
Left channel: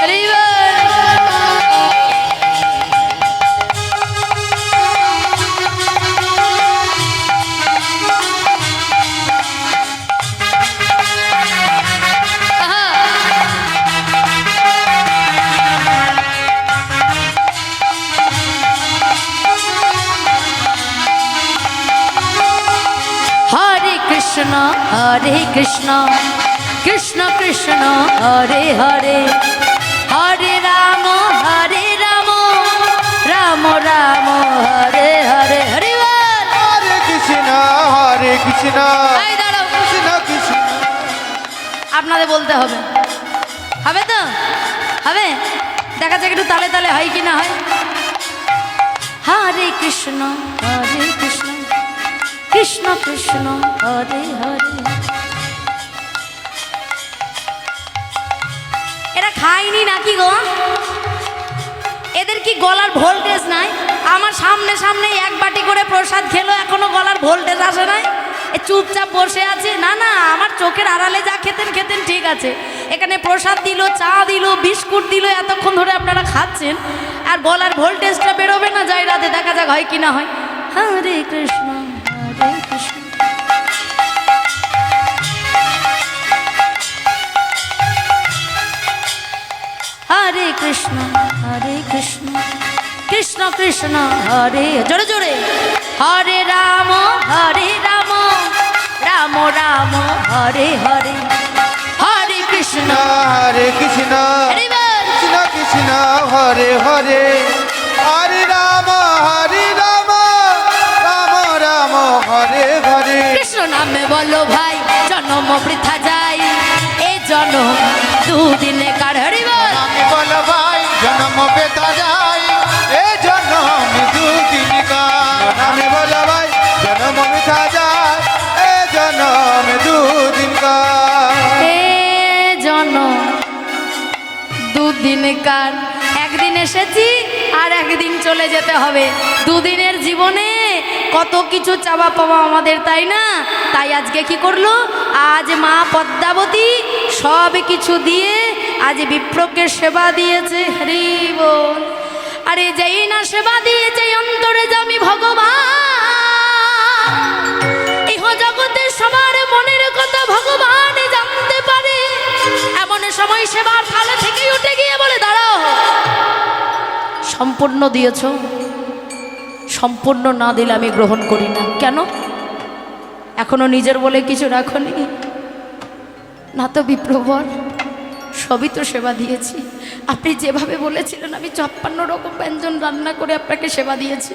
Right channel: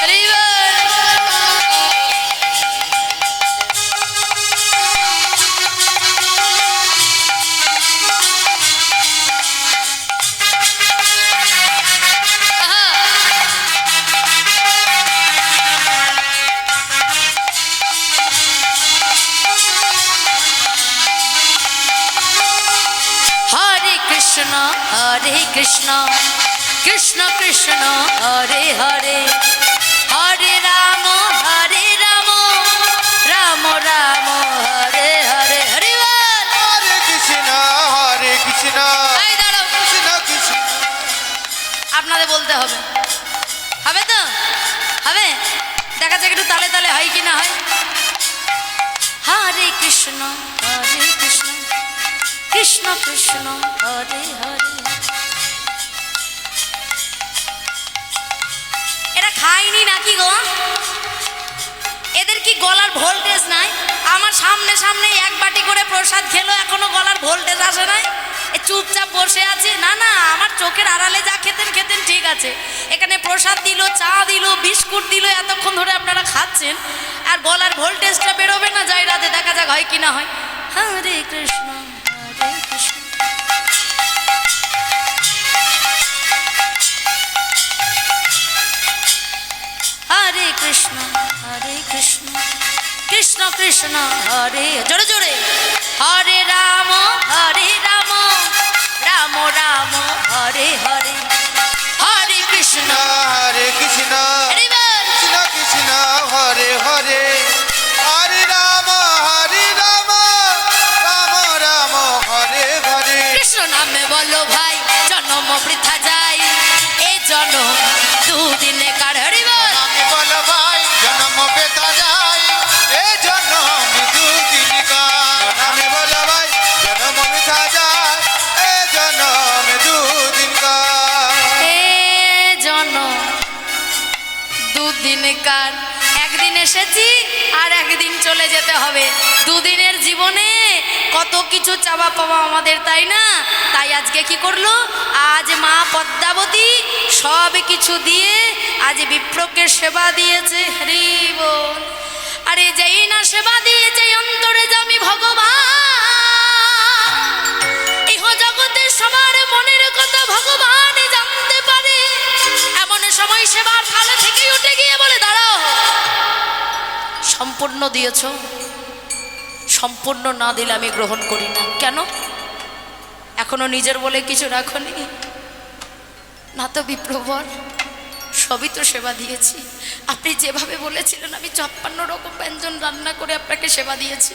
হরি বল। হরে কৃষ্ণ, হরে কৃষ্ণ, কৃষ্ণ কৃষ্ণ হরে হরে, হরে রাম, রাম রাম রাম হরে হরে হরি বল। হরে কৃষ্ণ এই দাঁড়াও, কৃষ্ণ কৃষ্ণ। আপনাদের বলতে হবে, হবে তো? হবে? দেখা যাক একটু তালে তালে হয় কি না হয়। হরে কৃষ্ণ কৃষ্ণ কৃষ্ণ হরে হরে। এরা খায়নি নাকি গো? এদের কি গলার ভোল্টেজ নাই? আমার সামনে সামনে এক বাটি করে প্রসাদ খেলো, এখনো গলার ভোল্টেজ আসে নাই? এ চুপচাপ বসে আছে। না না, আমার চোখের আড়ালে যা খেতেন খেতেন ঠিক আছে, এখানে প্রসাদ দিল, চা দিল, বিস্কুট দিল, এতক্ষণ ধরে আপনারা খাচ্ছেন, আর গলার ভোল্টেজটা বেরোবে না যায় রাতে। দেখা যাক হয় কি না হয়। হরে কৃষ্ণ হরে কৃষ্ণ। হরে কৃষ্ণ কৃষ্ণ কৃষ্ণ হরে, জোরে জোরে, হরে রাম রাম রাম হরে হরে। হরে কৃষ্ণ হরে কৃষ্ণ হরি বল। কৃষ্ণ কৃষ্ণ হরে হরে। হরে রাম রাম রাম হরে হরে। কৃষ্ণ নামে বলো ভাই, জন্ম বৃথা যায়, এ জন্ম দুদিনে কার। হরি বল। আমি বলো ভাই জন্ম বেতা যায়, এ জন্ম দুদিন কার। আমি বলো ভাই জন্ম বেতা যায়, এ জন্ম দুদিন কার। এ জন্ম দুদিনকার। একদিন এসেছি আর একদিন চলে যেতে হবে। দুদিনের জীবনে কত কিছু চাওয়া পাওয়া আমাদের, তাই না? তাই আজকে কি করলো? আজ মা পদ্মাবতী সব কিছু দিয়ে আজ বিপ্রকে সেবা দিয়েছে। হরি বল। আরে যেই না সেবা দিয়েছে অন্তরে জামি ভগবান, ইহ জগতে সবার মনের কথা ভগবান জানতে পারে। এমন সময় সেবার থালা থেকেই উঠে গিয়ে বলে, দাঁড়াও, সম্পূর্ণ দিয়েছ, সম্পূর্ণ না দিলে আমি গ্রহণ করি না। কেন? এখনো নিজের বলে কিছু রাখনি না তো বিপ্রবর? সবই তো সেবা দিয়েছি। আপনি যেভাবে বলেছিলেন আমি 56 রকম ব্যঞ্জন রান্না করে আপনাকে সেবা দিয়েছি।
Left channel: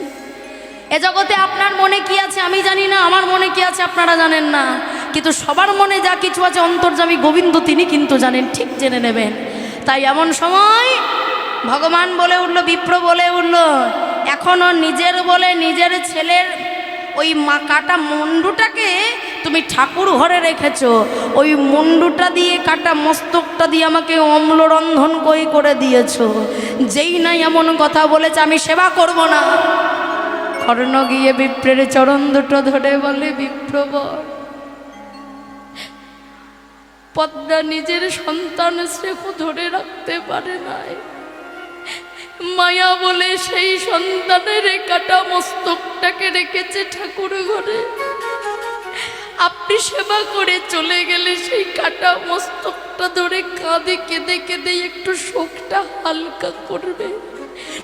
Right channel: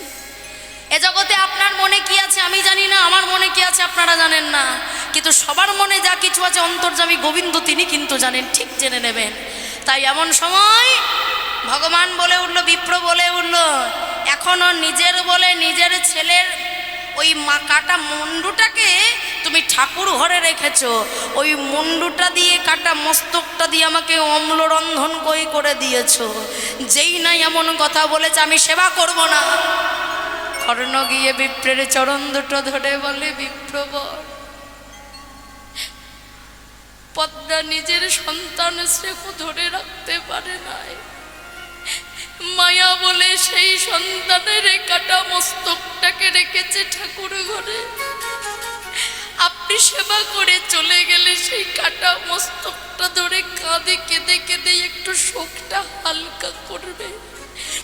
এ জগতে আপনার মনে কি আছে আমি জানি না, আমার মনে কি আছে আপনারা জানেন না, কিন্তু সবার মনে যা কিছু আছে অন্তর্যামী গোবিন্দ তিনি কিন্তু জানেন, ঠিক জেনে নেবেন। তাই এমন সময় ভগবান বলে উঠল, বিপ্র বলে উঠল, এখনো নিজের বলে নিজের ছেলের ওই কাটা মুন্ডুটাকে তুমি ঠাকুর ঘরে রেখেছো, ওই মুন্ডুটা দিয়ে কাটা মস্তকটা দিয়ে আমাকে অম্লরন্ধন করে দিয়েছো। যেই নাই এমন কথা বলেছে আমি সেবা করব না। কর্ণ গিয়ে বিপ্রের চরণ দুটো ধরে বলে, বিপ্রবর, পদ্মা নিজের সন্তান শ্রেষ্ঠ ধরে রাখতে পারে নাই, মায়া বলে সেই সন্তানের কাটা মস্তকটাকে রেখেছে ঠাকুর ঘরে। আপনি সেবা করে চলে গেলে সেই কাটা মস্তকটা ধরে কাঁদে কেঁদে কেঁদে একটু শোকটা হালকা করবে।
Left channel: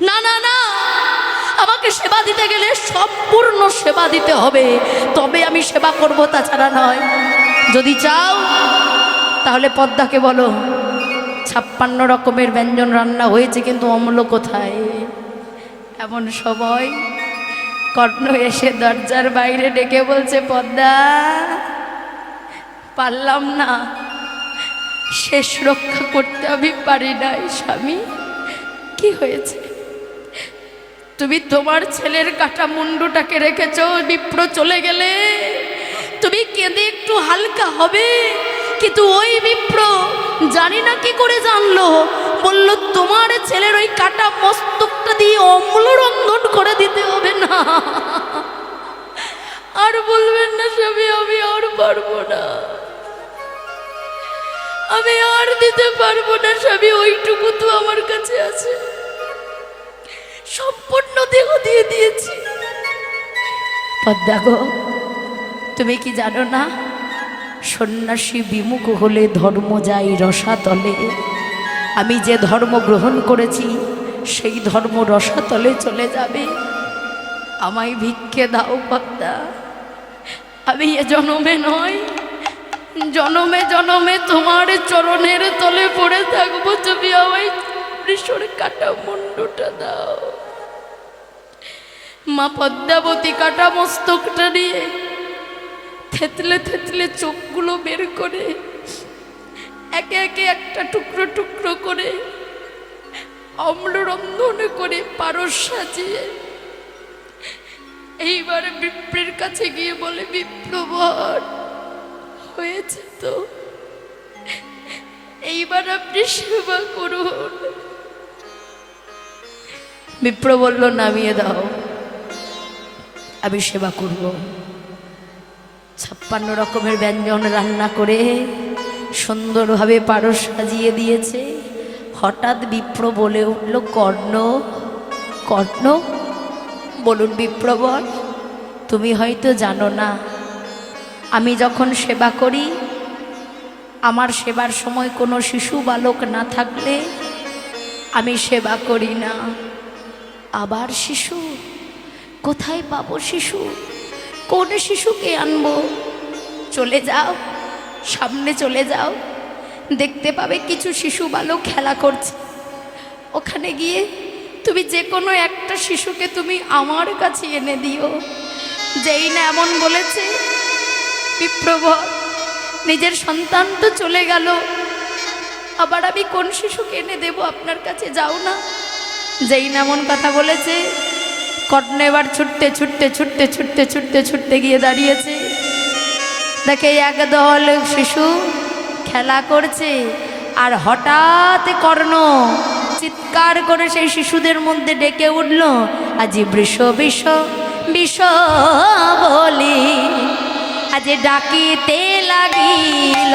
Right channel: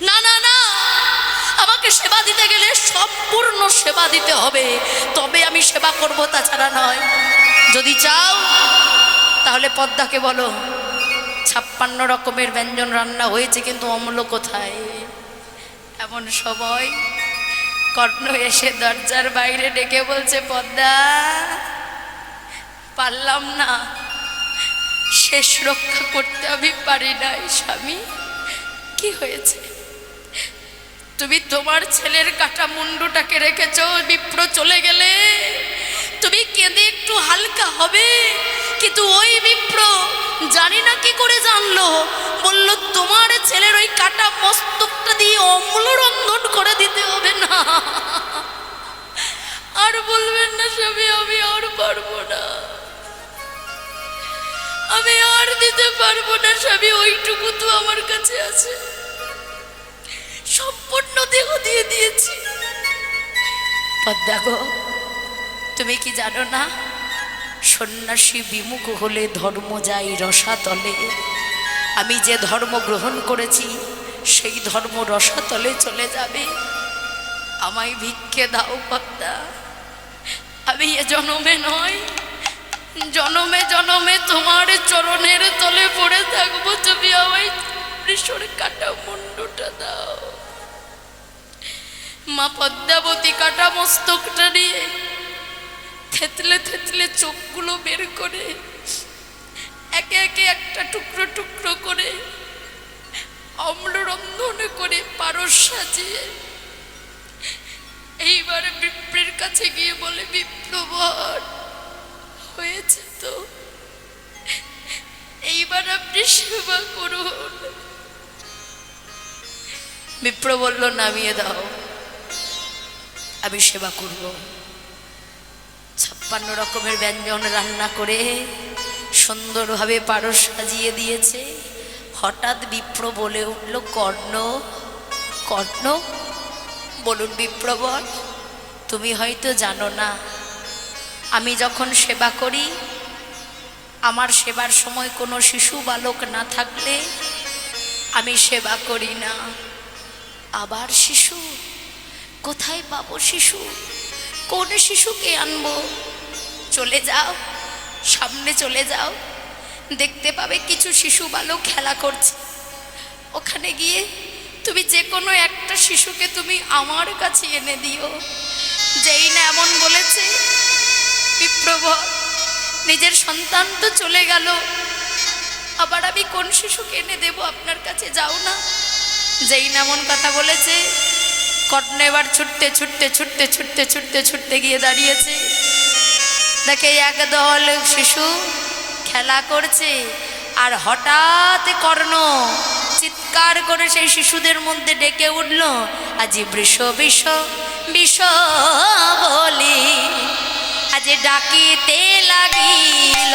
না না না, আমাকে সেবা দিতে গেলে সম্পূর্ণ সেবা দিতে হবে, তবে আমি সেবা করব, তাছাড়া নয়। যদি চাও তাহলে পদ্মাকে বলো 56 রকমের ব্যঞ্জন রান্না হয়েছে, কিন্তু অম্ল কোথায়? এমন সময় কর্ণ এসে দরজার বাইরে ডেকে বলছে, পদ্মা, পারলাম না, শেষ রক্ষা করতে আমি পারি নাই। স্বামী, কি হয়েছে? তুমি তোমার ছেলের কাটা মুন্ডুটাকে রেখেছো, বিপ্র চলে গেলে তুমি কেঁদে একটু হালকা হবে, কিন্তু ওই বিপ্র জানি না কি করে জানলো, বলল তোমার ছেলের ওই কাটা মস্তকটা দিয়ে অম্লরন্ধন করে দিতে হবে। না, আর বলবেন না স্বামী, আমি আর পারবো না, আমি আর দিতে পারবো না স্বামী, ওইটুকু তো আমার কাছে আছে, সম্পূর্ণ দেহ দিয়ে দিয়েছি। পদ্মা গো, তুমি কি জানো না, সন্ন্যাসী বিমুখ হলে ধর্ম যায় রসাতলে। আমি যে ধর্ম গ্রহণ করেছি সেই ধর্ম রসাতলে চলে যাবে। আমায় ভিক্ষে দাও পদ্মা, আমি এ জনমে নয়, জনমে জনমে তোমার চরণের তলে পড়ে থাকবো, তুমি আমায় বৃষর কাটা মুন্ডুটা দাও। মা পদ্মাবতী কাটা মস্তকটা নিয়ে থেতলে থেতলে চোখগুলো বের করে একে একে একটা টুকরো টুকরো করে অম্লরন্ধনে করে পারস সাজিয়ে এইবারে বিপ্রের কাছে গিয়ে বলে, বিপ্রবর হয়েছে তো, এইবার আপনি সেবা করুন। বিপ্র বলল, নামিয়ে দাও, আমি সেবা করব। 56 রকমের ব্যঞ্জন রান্না করে সুন্দরভাবে পারস সাজিয়ে দিয়েছে। হঠাৎ বিপ্র বলে উঠল, কর্ণ, কর্ণ। বলুন বিপ্রবর, তুমি হয়তো জানো না, আমি যখন সেবা করি, আমার সেবার সময় কোনো শিশু বালক না থাকলে আমি সেবা করি না। আবার শিশু কোথায় পাবো? শিশু কোন শিশুকে আনবো? চলে যাও, সামনে চলে যাও, দেখতে পাবে কিছু শিশু বালক খেলা করছে। ওখানে গিয়ে তুমি যে কোনো একটা শিশুকে তুমি আমার কাছে এনে দিও। যেই না এমন বলেছে, বিপ্রবর নিজের সন্তান তো চলে গেল, আবার আমি কোন শিশুকে এনে দেব আপনার কাছে? যাও না। যেই না এমন কথা বলেছে, কর্ণ এবার ছুটতে ছুটতে ছুটতে ছুটতে ছুটতে ছুটতে গিয়ে দাঁড়িয়েছে। দেখে একদল শিশু খেলা করছে, আর হঠাৎ কর্ণ চিৎকার করে সেই শিশুদের মধ্যে ডেকে উঠল, আজি বৃষ বিষ বিষ বলি, আজ ডাকিতে লাগিল,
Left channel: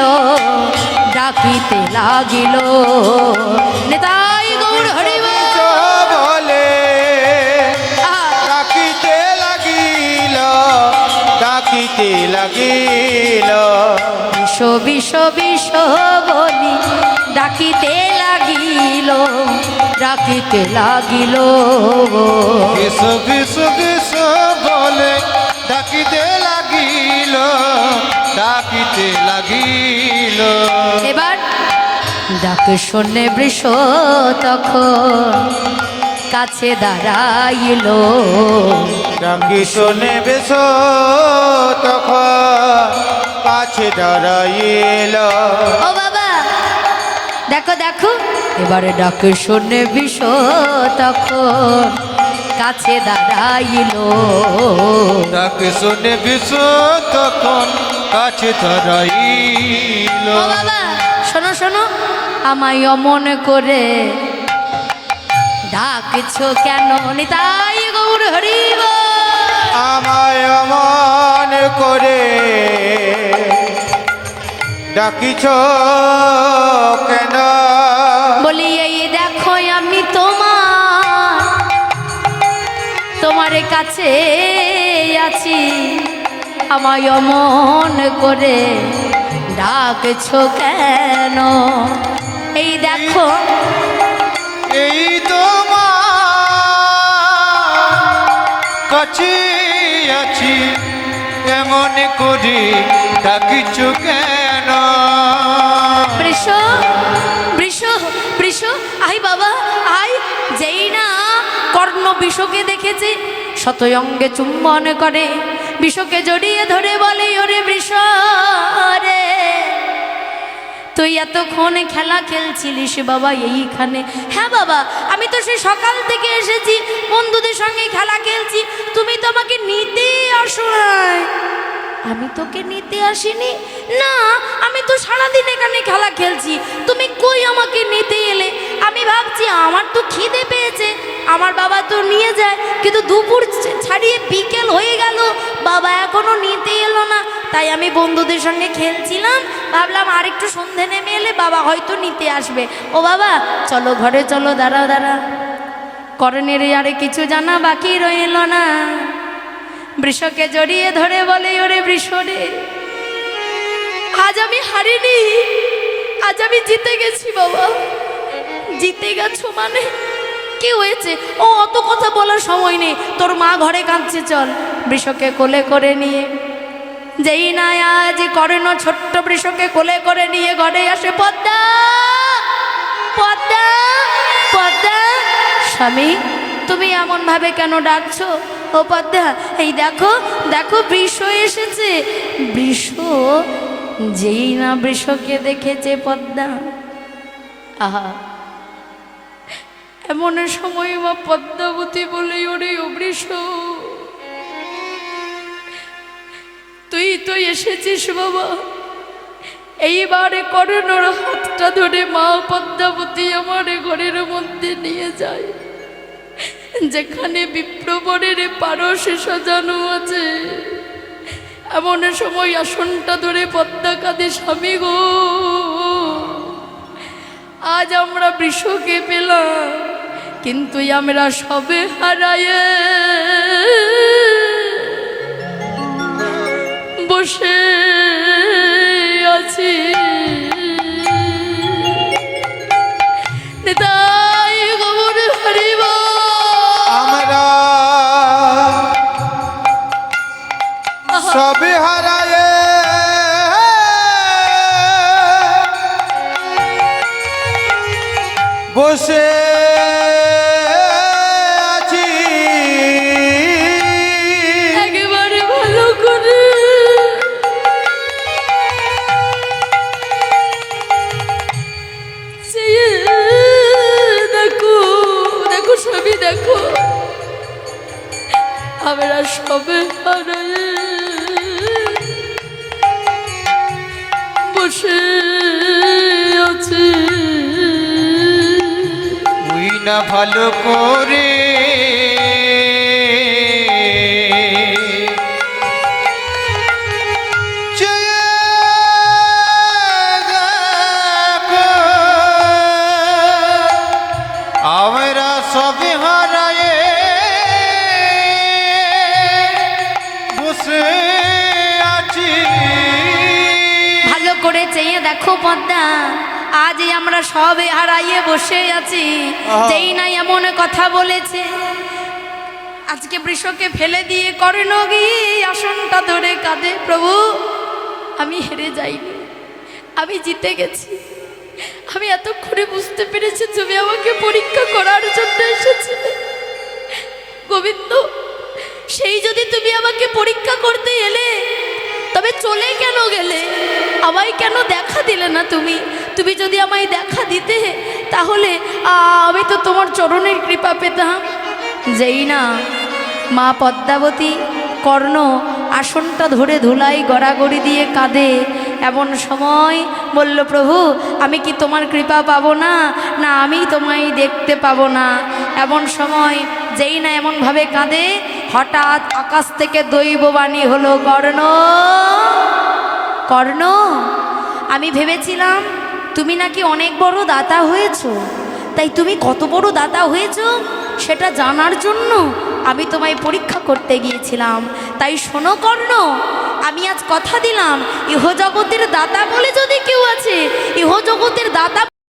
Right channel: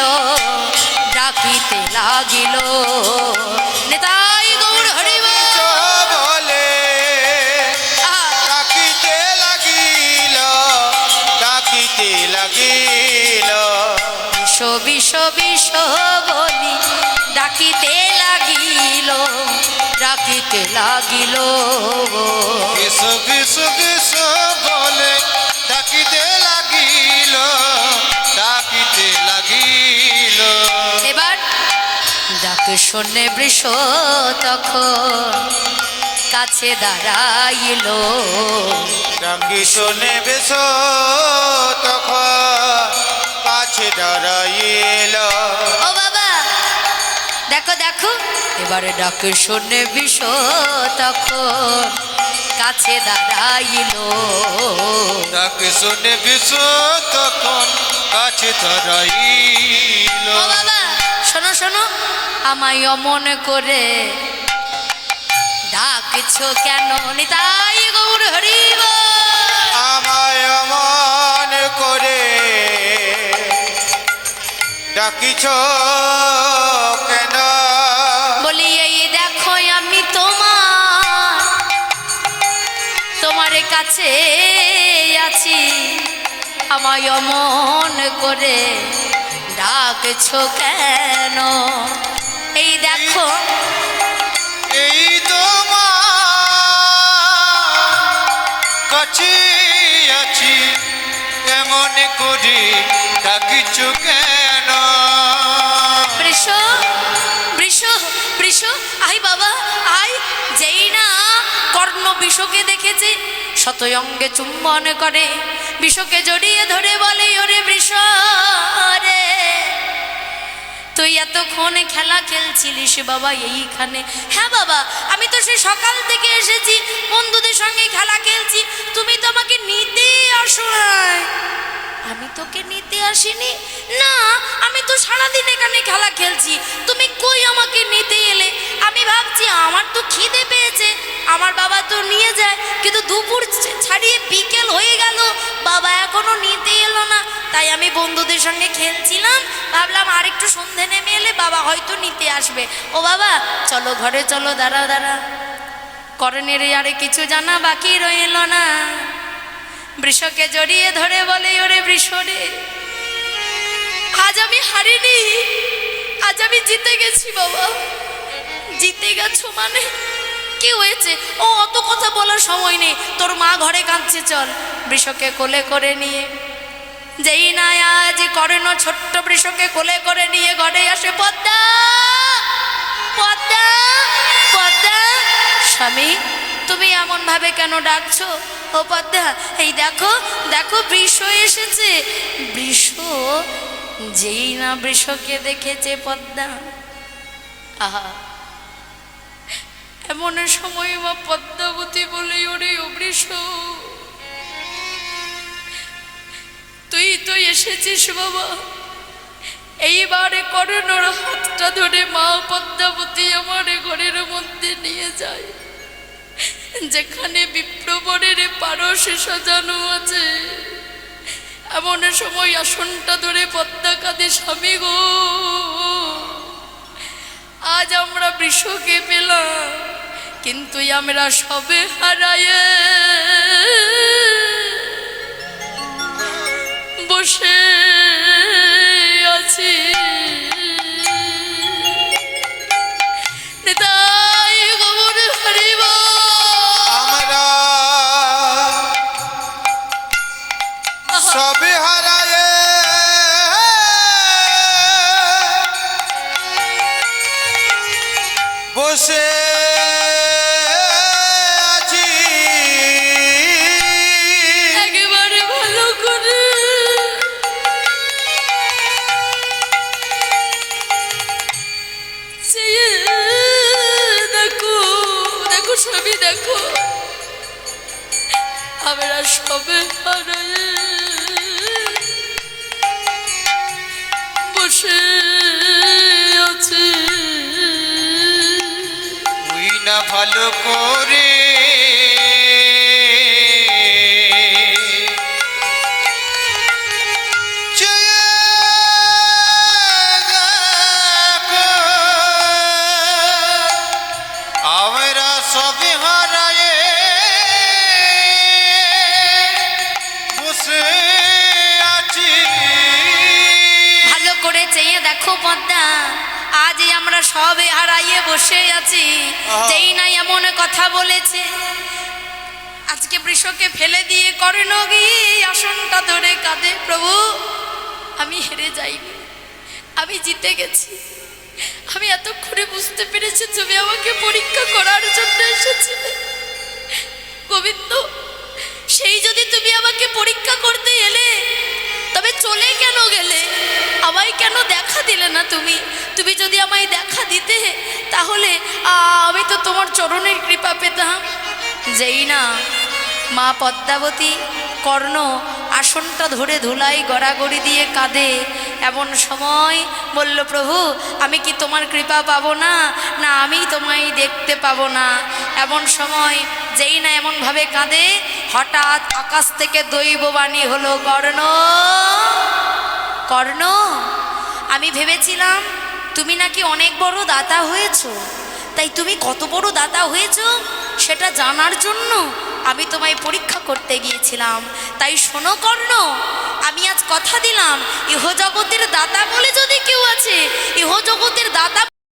ডাকিতে লাগিল। নেতাই গৌর হরি বলে ডাকিতে লাগিল, ডাকিতে লাগিল। বিষ বিষ বিষ বলি ডাকিতে লাগিল, ডাকিতে লাগিল। বিষ বিষ বিষ বলে ডাকিতে লাগিল, ডাকিতে লাগিল। এবার ডাক শুনে বৃষ তখন কাছে দাঁড়াইল, ডাকি শুনে বেশ তখন কাছে দাঁড়াইল। ও বাবা দেখো দেখো, এবারে ডাক শুনে বৃষ তখন কাছে দাঁড়াইল, ডাকি শুনে বেশ তখন কাছে দাঁড়াইল। ও বাবা শোনো শোনো, আমায় অমন করে ডাকছো কেন? নিতাই গৌর হরি বল। আমায় অমন করে ডাকিছ কেন? বলি এই দেখো আমি তোমার কাছে আছি, আমায় অমন করে ডাকছো কেন? এই দেখো, এই তোমার কাছে আছি, এমন করে ডাকিছ কেন? বৃষ বৃষ বৃষ, আই বাবা আই। যেই না কর্ণ বিষকে দেখেছে, শতয়ঙ্গে চুম্বন করে, বিষকে জড়িয়ে ধরে বলে, ওরে বৃষ রে, তুই এতক্ষণ খেলা খেলছিলিস বাবা এইখানে? হ্যাঁ বাবা, আমি তো সে সকাল থেকে এসেছি, বন্ধুদের সঙ্গে খেলা খেলছি, তুমি তো আমাকে নিতে আসো নাই। আমি তোকে নিতে আসিনি না, আমি তো সারাদিন এখানে খেলা খেলছি, তুমি কই আমাকে নিতে এলে? আমি ভাবছি আমার তো খিদে পেয়েছে, আমার বাবা তো নিয়ে যায়, কিন্তু দুপুর ছাড়িয়ে বিকেল হয়ে গেল, বাবা এখনো নিতে এলো না, তাই আমি বন্ধুদের সঙ্গে খেলছিলাম, ভাবলাম আর একটু সন্ধে নেমে এলে বাবা হয়তো নিতে আসবে। ও বাবা চলো ঘরে চলো, দাঁড়া দাঁড়া, কর্ণের আরে কিছু জানা বাকি রইল না। বৃষকে জড়িয়ে ধরে বলে, ওরে বৃষ রে, আজ আমি হারিনি, আজ আমি জিতে গেছি বাবা। জিতে গেছো মানে? কি হয়েছে? ও অত কথা বলার সময় নেই, তোর মা ঘরে কাঁদছে, চল। বৃষকে কোলে করে নিয়ে যেই না আজ কর্ণ ছোট্ট বৃষকে কোলে করে নিয়ে ঘরে আসে, পদ্মা পদ্মা পদ্মা, স্বামী তুমি এমন ভাবে কেন ডাকছো? ও পদ্মা, এই দেখো দেখো বৃষ এসেছে। বৃষ, যেই না বৃষকে দেখেছে পদ্মা, আহা, এমন সময় মা পদ্মাবতী বলে, ওরে ও বৃষ, তুই তো এসেছিস বাবা, এইবারে করোনার হাতটা ধরে মা পদ্মাবতী আমার ঘরের মধ্যে নিয়ে যায়, যেখানে বিপ্রবরের পারসে সাজানো আছে। এমন সময় আসনটা ধরে পদ্মা কাঁদে, স্বামী গো, আজ আমরা বৃষকে পেলাম, কিন্তু আমরা সবে হারায়ে বসে আছি। নিতাই গৌর হরি বল। আমরা সবে হারায়ে বসে আছি। একেবারে ভালো করে চেয়ে দেখো, দেখো সবই দেখো, আমরা সবে হারায়ে বসে আছি। তুই না ভালো করে চেয়ে দেখো, আমরা সবে হারায়ে বসে আছি। ভালো করে চেয়ে দেখো পদ্মা, আজ আমরা সবে হারাইয়ে বসে আছি। যেই নাই এমন কথা বলেছে, আজকে বৃষকে ফেলে দিয়ে করেন গিয়ে আসনটা ধরে কাঁদে, প্রভু আমি হেরে যাইনি, আমি জিতে গেছি। আমি এতক্ষণে বুঝতে পেরেছি তুমি আমাকে পরীক্ষা করার জন্য এসেছিলে গোবিন্দ। সেই যদি তুমি আমাকে পরীক্ষা করতে এলে, তবে চলে কেন গেলে? আমায় কেন দেখা দিলে না তুমি? তুমি যদি আমায় দেখা দিতে, তাহলে আমি তো তোমার চরণের কৃপা পেতাম। যেই না মা পদ্মাবতী কর্ণ আসনটা ধরে ধুলাই গড়াগড়ি দিয়ে কাঁদে, এমন সময় বলল, প্রভু আমি কি তোমার কৃপা পাবো না, না আমি তোমায় দেখতে পাবো না? এমন সময় যেই না এমনভাবে কাঁদে, হঠাৎ আকাশ থেকে দৈববাণী হলো, কর্ণ কর্ণ, আমি ভেবেছিলাম তুমি নাকি অনেক বড় দাতা হয়েছো, তাই তুমি কত বড় দাতা হয়েছো সেটা জানার জন্য আমি তোমায় পরীক্ষা করতে গিয়েছিলাম। তাই শোনো কর্ণ, আমি আজ কথা দিলাম, ইহজগতের দাতা বলে যদি কেউ আছে, ইহজগতের দাতা